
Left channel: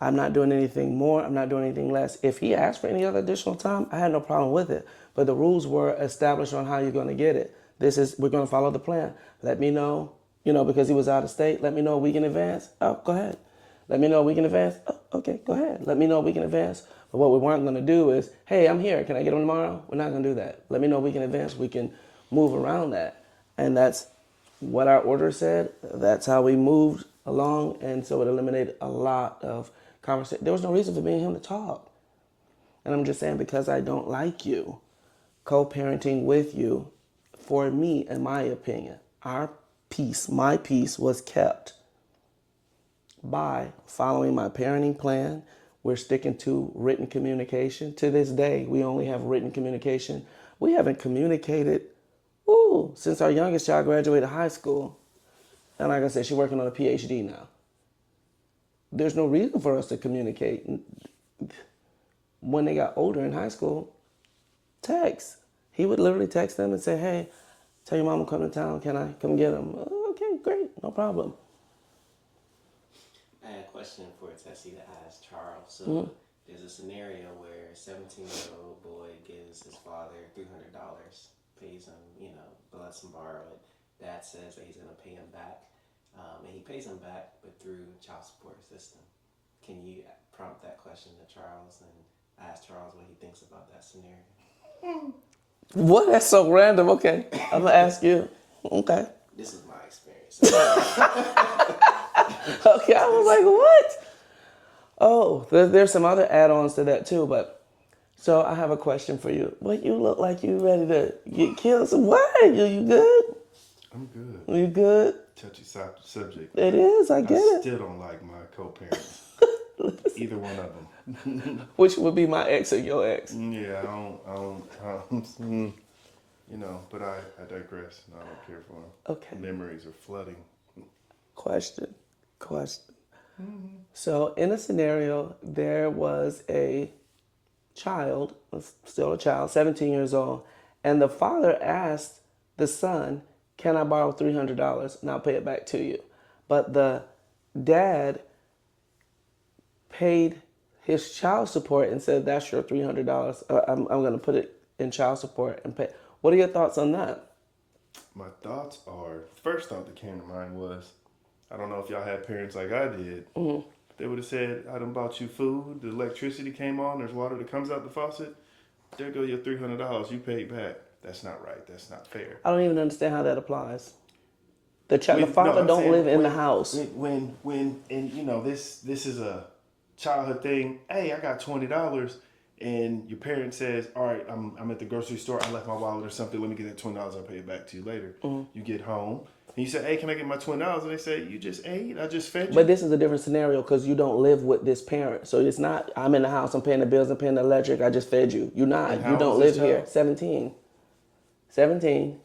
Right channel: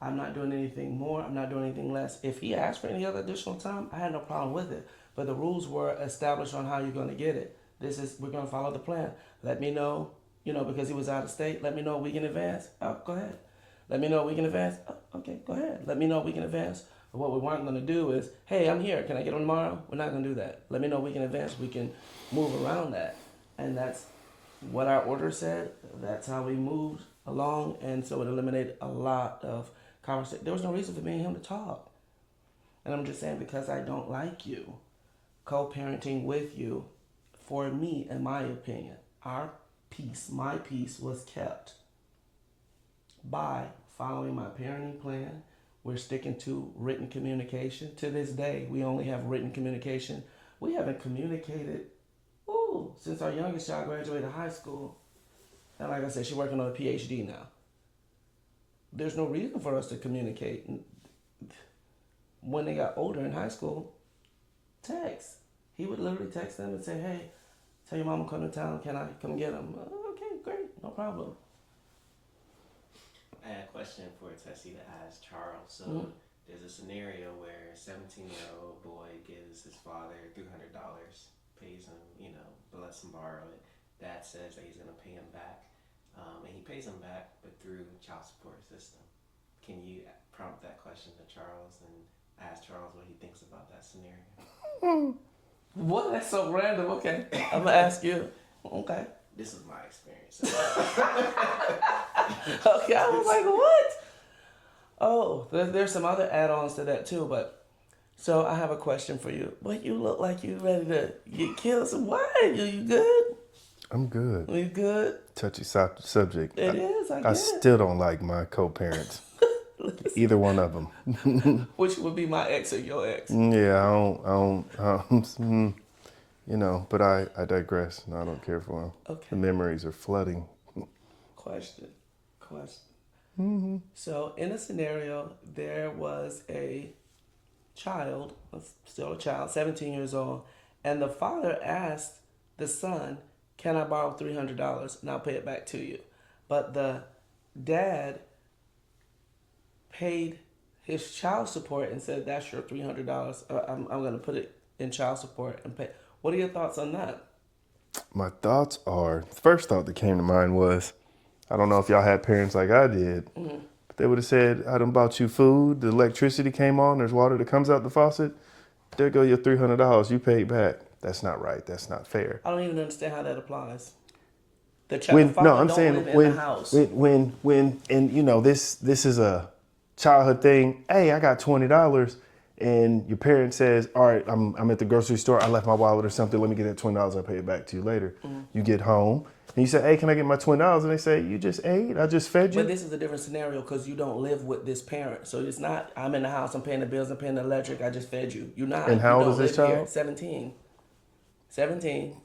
I'm not doing anything more. I'm not doing anything less. If he asked for any other additional time, I had no problem with it. But the rules were established on how you're going to get it. We're going to follow the plan. Let me know, because he was out of state. Let me know a week in advance. Oh, go ahead. Let me know a week in advance. Oh, okay, go ahead. Let me know a week in advance. But what we weren't going to do is, hey, I'm here. Can I get him tomorrow? We're not going to do that. Let me know a week in advance. We can move around that. And that's what our order said. That's how we moved along. And so it eliminated a lot of conversation. There was no reason for me and him to talk. And I'm just saying, because I don't like you, co-parenting with you, for me, in my opinion, my peace was kept by following my parenting plan. We're sticking to written communication. To this day, we only have written communication. We haven't communicated since our youngest child graduated high school. And like I said, she's working on a PhD now. There's no reason for us to communicate. When they got older in high school, text. He would literally text them and say, hey, tell your mom I'm coming to town. Can I come get him? Oh, okay, great. No problem. I had a question for Tessie to ask Charles. So there's a scenario where a 17-year-old boy gives his father $300, pays him, lets him borrow it. Dad says that he's going to pay him back. And he pays him back, but through child support system. Can you prompt that question to Charles and ask Charles what he thinks about that scenario? What? That's so random. Okay. I'm going to ask you. Okay. This is my experience. Okay, I was like, what? Oh, there's some other add-ons to that too, but so I have a question for you. What, you look like you ready to get killed? So why? You good? I'm good. You good? Touchy subject. It is, I get I it. still don't like my co-parents. Either one of them. Which would be my ex or your ex? Yeah, I don't but I digress. No, I don't care for them. Okay. The memories are flooding. Question. Mm-hmm. So in a scenario, there was a child, still a child, 17 years old, and the father asked the son, can I borrow $300 and I'll pay it back to you? But the dad paid his child support and said, that's your $300. I'm going to put it in child support and pay. What are your thoughts on that? My thoughts are, the first thought that came to mind was, I don't know if y'all had parents like I did, but they would have said, I done bought you food, the electricity came on, there's water that comes out the faucet, there go your $300, you paid back. That's not right, that's not fair. I don't even understand how that applies. The father don't live in the house. This is a childhood thing. Hey, I got $20, and your parent says, all right, I'm at the grocery store, I left my wallet or something, let me get that $20, I'll pay it back to you later. You get home, and you say, hey, can I get my $20? And they say, you just ate, I just fed you. But this is a different scenario because you don't live with this parent. So it's not, I'm in the house, I'm paying the bills, I'm paying the electric, I just fed you. You're not. And how you old don't is this live here. child? 17.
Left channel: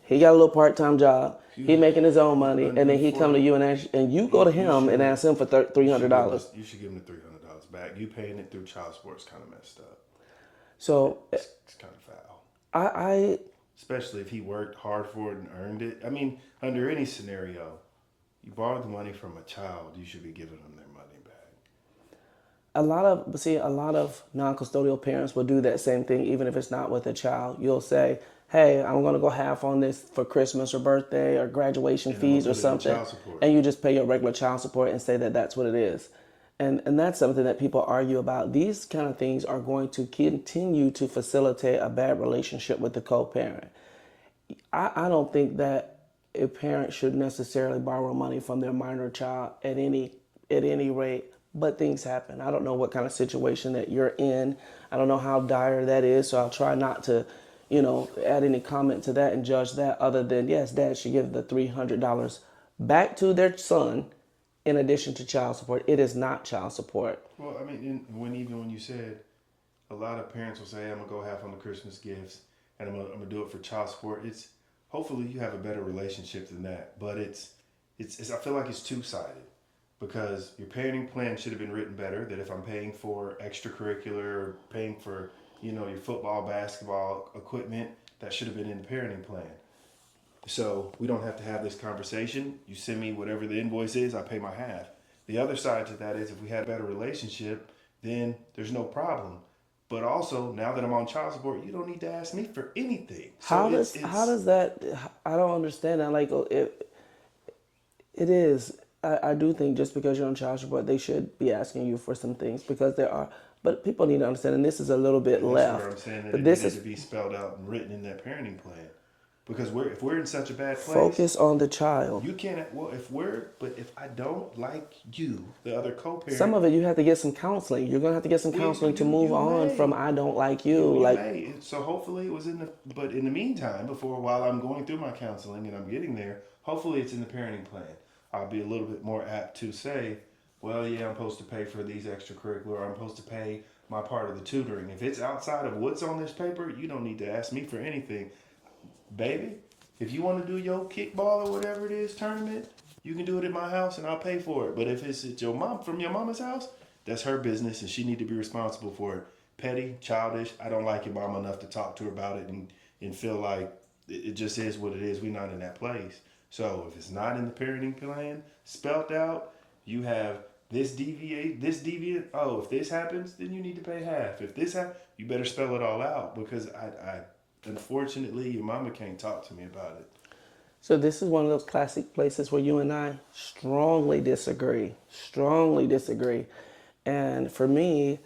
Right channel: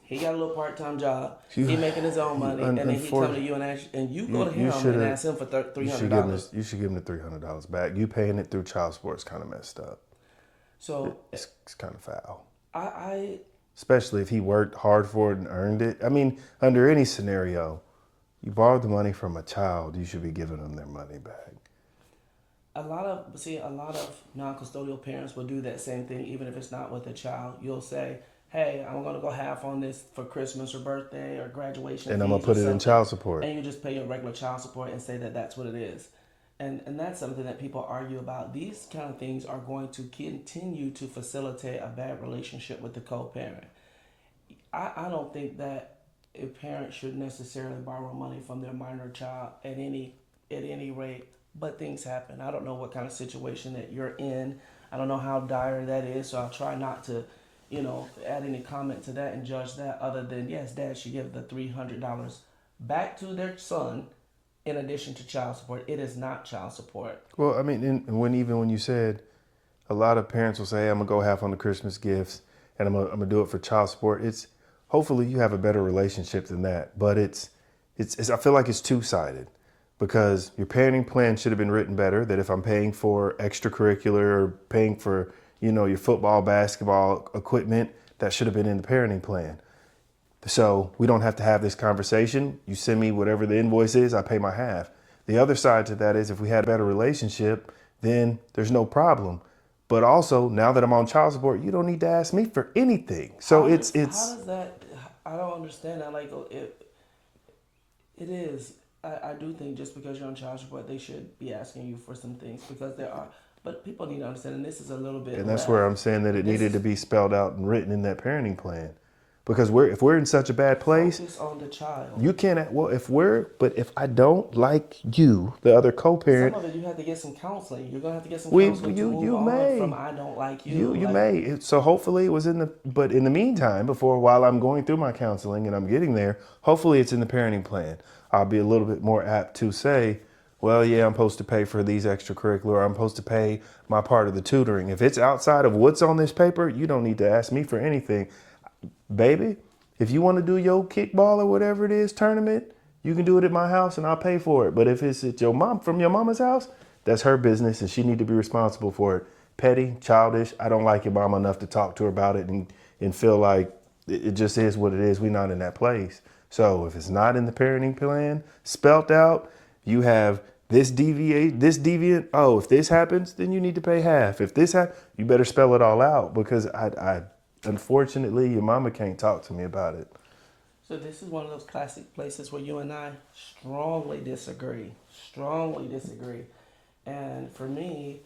He got a little part-time job. He making his own money, and then he come to you and ask, and you go to him and ask him for $300. You should give him the $300 back. You paying it through child support is kind of messed up. So it's kind of foul. Especially if he worked hard for it and earned it. I mean, under any scenario, you borrowed the money from a child, you should be giving them their money back. A lot of non-custodial parents will do that same thing, even if it's not with a child. You'll say, hey, I'm going to go half on this for Christmas or birthday or graduation and fees I'm gonna put or something. it in child support. And you just pay your regular child support and say that that's what it is. And that's something that people argue about. These kind of things are going to continue to facilitate a bad relationship with the co-parent. I don't think that a parent should necessarily borrow money from their minor child at any rate. But things happen. I don't know what kind of situation that you're in. I don't know how dire that is. So I'll try not to, add any comment to that and judge that. Other than yes, dad should give the $300 back to their son, in addition to child support. It is not child support. Well, I mean, even when you said, a lot of parents will say, hey, I'm gonna go half on the Christmas gifts and I'm gonna do it for child support. It's hopefully you have a better relationship than that, but it's I feel like it's two-sided, because your parenting plan should have been written better, that if I'm paying for extracurricular or paying for, your football, basketball equipment, that should have been in the parenting plan. So we don't have to have this conversation. You send me whatever the invoice is, I pay my half. The other side to that is, if we had a better relationship, then there's no problem. But also, now that I'm on child support, you don't need to ask me for anything. So how does that? I don't understand that. Like it is. I do think just because you're on child support, they should be asking you for some things, because there are. But people need to understand, and this is a little bit. And that's where I'm saying that it needed to be spelled out and written in that parenting plan. Because if we're in such a bad place, focus on the child. You can't. Well, if I don't like you, the other co-parent, some of it you have to get some counseling. You're gonna have to get some counseling to move on from I don't like you. You may. So hopefully it was but in the meantime, while I'm going through my counseling and I'm getting there, hopefully it's in the parenting plan. I'll be a little bit more apt to say, well, yeah, I'm supposed to pay for these extracurricular. I'm supposed to pay my part of the tutoring. If it's outside of what's on this paper, you don't need to ask me for anything. Baby, if you want to do your kickball or whatever it is tournament, you can do it at my house and I'll pay for it. But if it's at from your mama's house, that's her business and she need to be responsible for it. Petty, childish. I don't like your mama enough to talk to her about it and feel like it just is what it is. We're not in that place. So if it's not in the parenting plan spelt out, you have this deviant. Oh, if this happens, then you need to pay half. If this happens, you better spell it all out, because I unfortunately, your mama can't talk to me about it. So this is one of those classic places where you and I strongly disagree. And for me,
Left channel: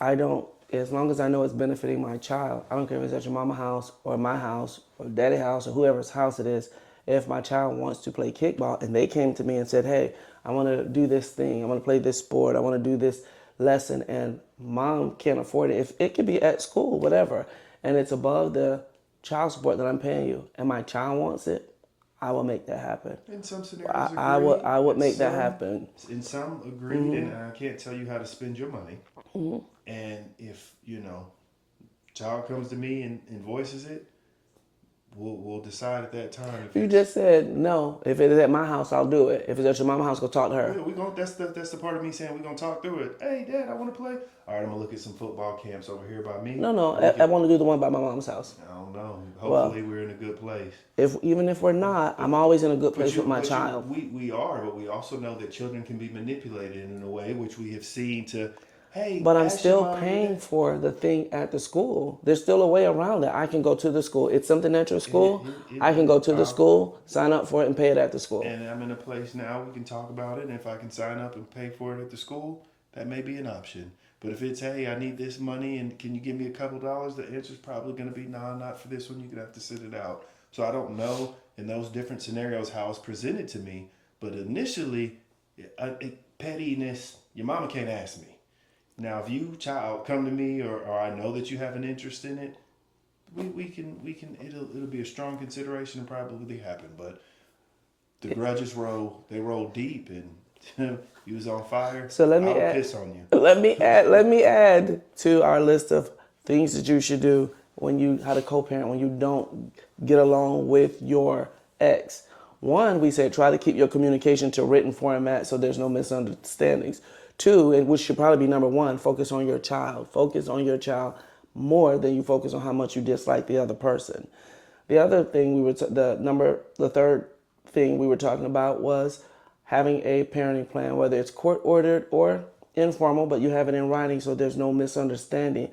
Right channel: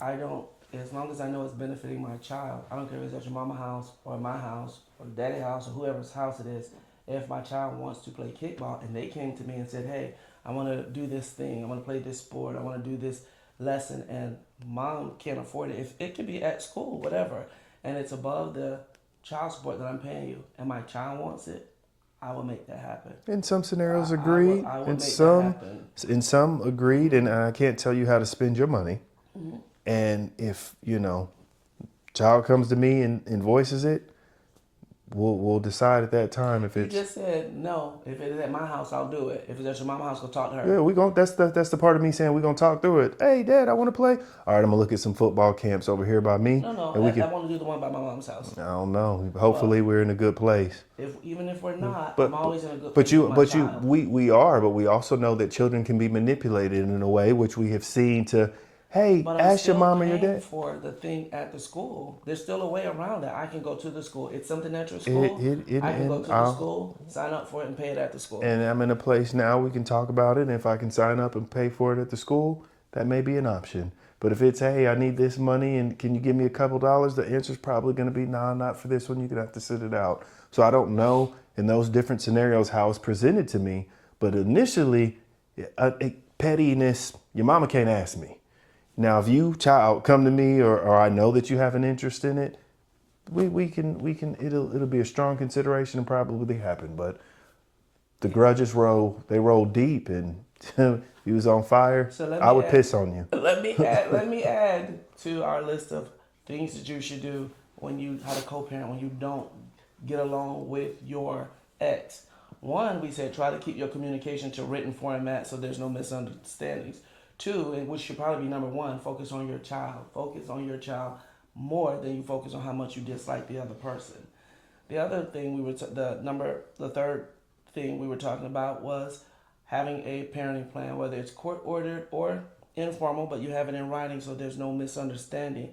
as long as I know it's benefiting my child, I don't care if it's at your mama's house or my house or daddy's house or whoever's house it is. If my child wants to play kickball and they came to me and said, hey, I want to do this thing, I want to play this sport, I want to do this lesson, and mom can't afford it, if it could be at school, whatever, and it's above the child support that I'm paying you, and my child wants it, I will make that happen. In some scenarios, agreed. I would make that happen. In some, agreed, and I can't tell you how to spend your money. Mm-hmm. And if, child comes to me and voices it, we'll decide at that time if you just said no. If it is at my house, I'll do it. If it's at your mama's house, go talk to her. Yeah, that's the part of me saying we're gonna talk through it. Hey, Dad, I want to play. All right, I'm gonna look at some football camps over here by me. No, I want to do the one by my mom's house. I don't know. Hopefully, we're in a good place. Even if we're not, I'm always in a good place with my child. We are, but we also know that children can be manipulated in a way which we have seen to. Hey, but I'm ask still your mom paying and dad for the thing at the school. There's still a way around it. I can go to the school. It's something at your school. I can go to the school, sign up for it, and pay it at the school. And I'm in a place now we can talk about it. And if I can sign up and pay for it at the school, that may be an option. But if it's, hey, I need this money and can you give me a couple dollars? The answer's probably going to be, no, not for this one. You're going to have to sit it out. So I don't know in those different scenarios how it's presented to me. But initially, pettiness, your mama can't ask me. Now, if you, child, come to me or I know that you have an interest in it, we can it'll be a strong consideration and probably happen. But the grudges roll deep, and you was on fire. So I would piss on you. Let me add to our list of things that you should do when you how to co-parent when you don't get along with your ex. One, we said try to keep your communication to written format so there's no misunderstandings. Two, and which should probably be number one, focus on your child. Focus on your child more than you focus on how much you dislike the other person. The other thing the third thing we were talking about was having a parenting plan, whether it's court ordered or informal, but you have it in writing so there's no misunderstanding.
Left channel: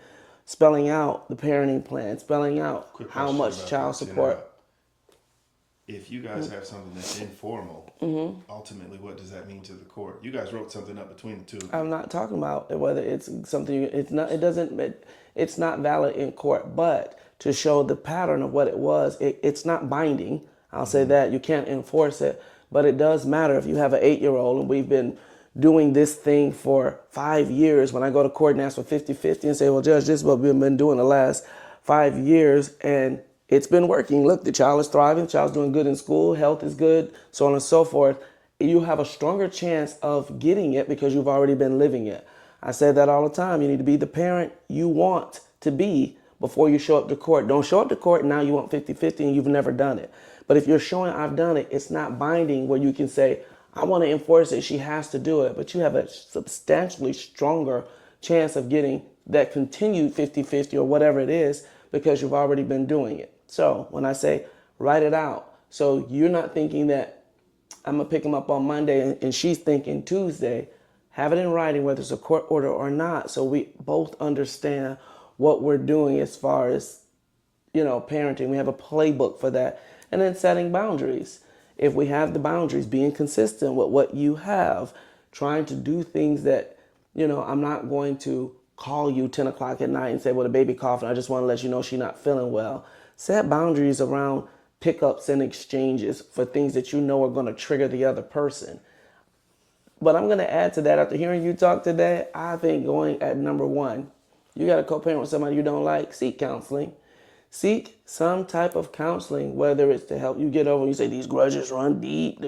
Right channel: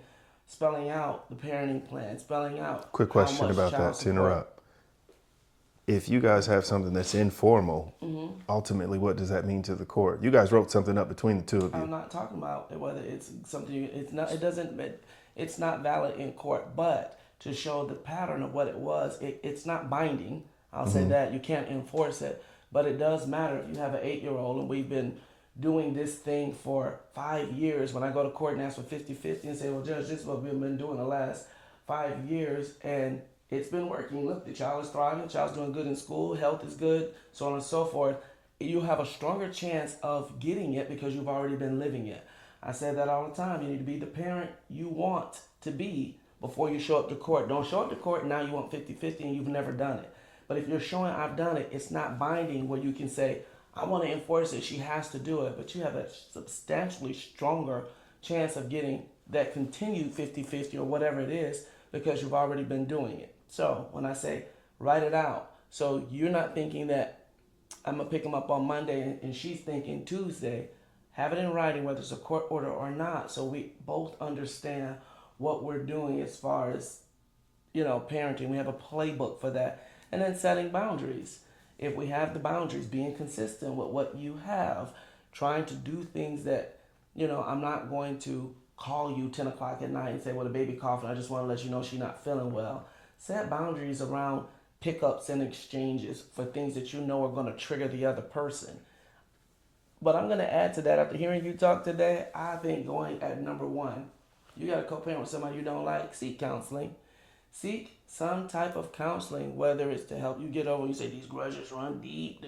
Spelling out the parenting plan, spelling out quick how question much about child that support. to interrupt. If you guys have something that's informal, ultimately, what does that mean to the court? You guys wrote something up between the two of you. I'm not talking about whether it's something. It's not. It doesn't. It's not valid in court. But to show the pattern of what it was. It's not binding. I'll say that. You can't enforce it. But it does matter if you have an 8-year-old and we've been doing this thing for 5 years. When I go to court and ask for 50-50 and say, well, Judge, this is what we've been doing the last 5 years and it's been working. Look, the child is thriving, the child's doing good in school, health is good, so on and so forth. You have a stronger chance of getting it because you've already been living it. I say that all the time. You need to be the parent you want to be before you show up to court. Don't show up to court and now you want 50-50 and you've never done it. But if you're showing I've done it, it's not binding where you can say, I want to enforce it, she has to do it. But you have a substantially stronger chance of getting that continued 50-50 or whatever it is because you've already been doing it. So when I say write it out, so you're not thinking that I'm going to pick him up on Monday and she's thinking Tuesday, have it in writing whether it's a court order or not so we both understand what we're doing as far as, parenting. We have a playbook for that. And then setting boundaries. If we have the boundaries, being consistent with what you have, trying to do things that, I'm not going to call you 10 o'clock at night and say, well, the baby coughing, I just want to let you know she's not feeling well. Set boundaries around pickups and exchanges for things that you know are going to trigger the other person. But I'm going to add to that, after hearing you talk today, I think going at number 1, you got to co-parent with somebody you don't like, seek counseling. Seek some type of counseling, whether it's to help you get over, you say these grudges run deep,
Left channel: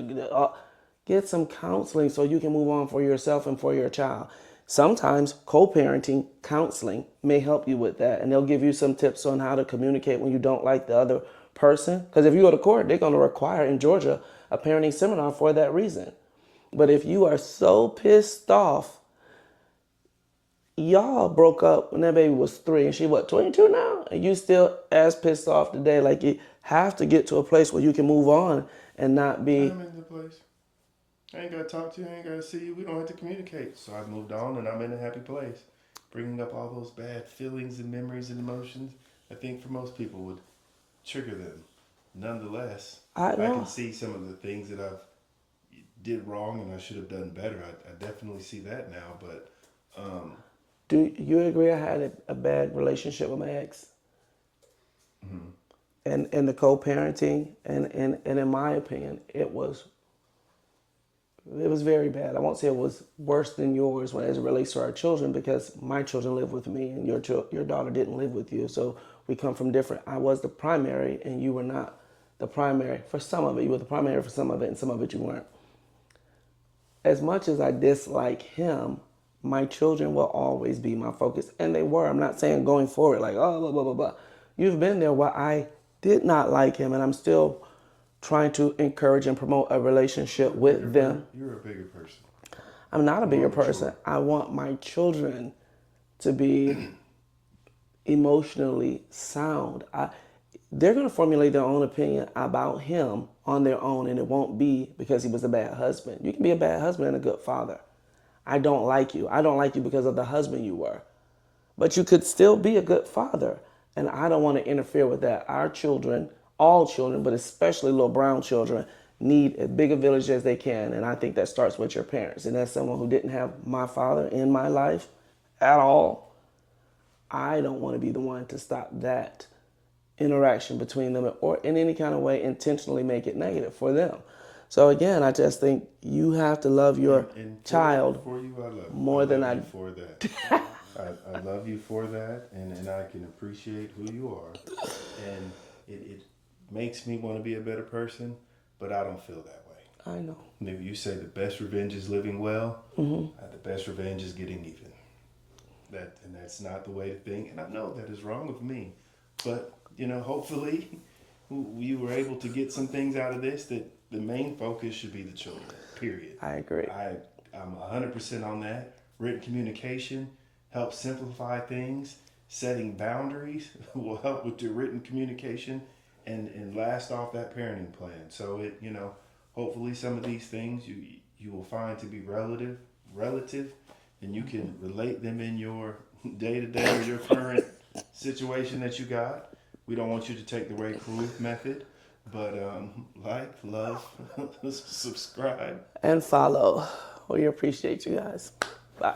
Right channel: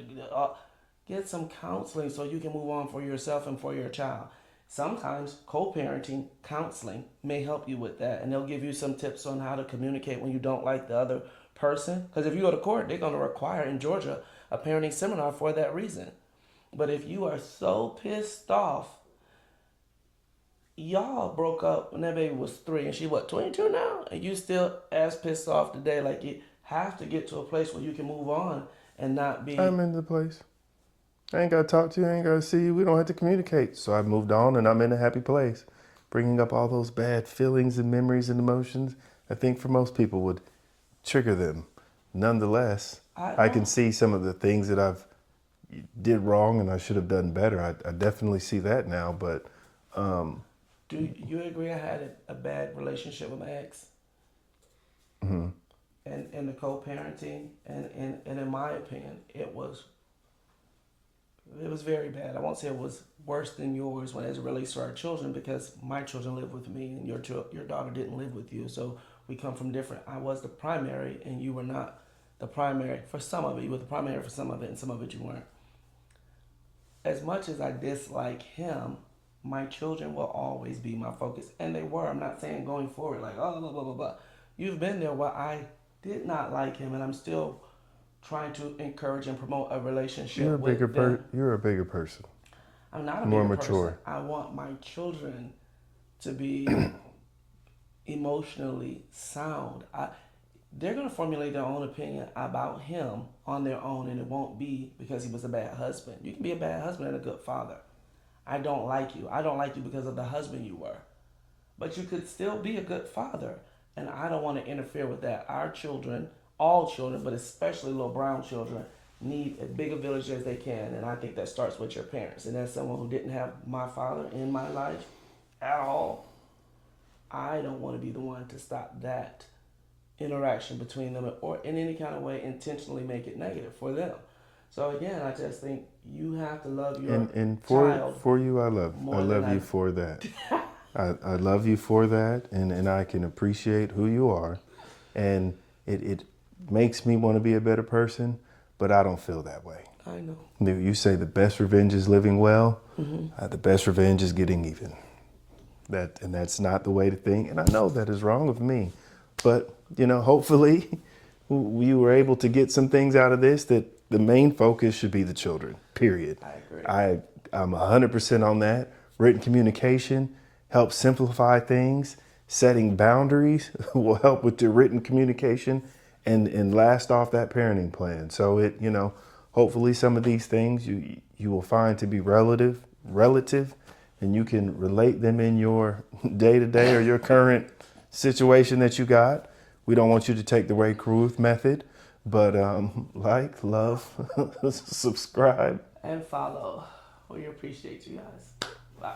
get some counseling so you can move on for yourself and for your child. Sometimes co-parenting counseling may help you with that, and they'll give you some tips on how to communicate when you don't like the other person. Because if you go to court, they're going to require in Georgia a parenting seminar for that reason. But if you are so pissed off, y'all broke up when that baby was 3 and she 22 now? And you still as pissed off today. Like, you have to get to a place where you can move on and not be... I'm in the place. I ain't got to talk to you. I ain't got to see you. We don't have to communicate. So I moved on and I'm in a happy place. Bringing up all those bad feelings and memories and emotions, I think for most people would trigger them. Nonetheless, I can see some of the things that I've did wrong and I should have done better. I definitely see that now, but... Do you agree I had a bad relationship with my ex? Mm-hmm. And the co-parenting, and in my opinion, it was very bad. I won't say it was worse than yours as it relates to our children, because my children live with me and your daughter didn't live with you. So we come from different. I was the primary and you were not the primary for some of it. You were the primary for some of it and some of it you weren't. As much as I dislike him, my children will always be my focus. And they were. I'm not saying going forward like, oh, blah, blah, blah, blah. You've been there where I did not like him and I'm still trying to encourage and promote a relationship with them. You're a bigger person. I'm not a bigger person. Mature. I want my children to be emotionally sound. They're going to formulate their own opinion about him on their own, and it won't be because he was a bad husband. You can be a bad husband and a good father. I don't like you. I don't like you because of the husband you were. But you could still be a good father, and I don't want to interfere with that. Our children, all children, but especially little brown children, need as big a village as they can, and I think that starts with your parents. And as someone who didn't have my father in my life at all, I don't want to be the one to stop that interaction between them or in any kind of way intentionally make it negative for them. So again, I just think you have to love your child. For you, I love you for that. I love you for that, and I can appreciate who you are, and it makes me want to be a better person, but I don't feel that way. I know. You say the best revenge is living well. Mm-hmm. The best revenge is getting even. That's not the way to think, and I know that is wrong of me, but hopefully we were able to get some things out of this that the main focus should be the children, period. I agree. I'm 100% on that. Written communication helps simplify things. Setting boundaries will help with the written communication and last off that parenting plan. So hopefully some of these things you will find to be relative, and you can relate them in your day-to-day or your current situation that you got. We don't want you to take the Ray Cruz method, but like, love, subscribe. And follow. We appreciate you guys. Bye.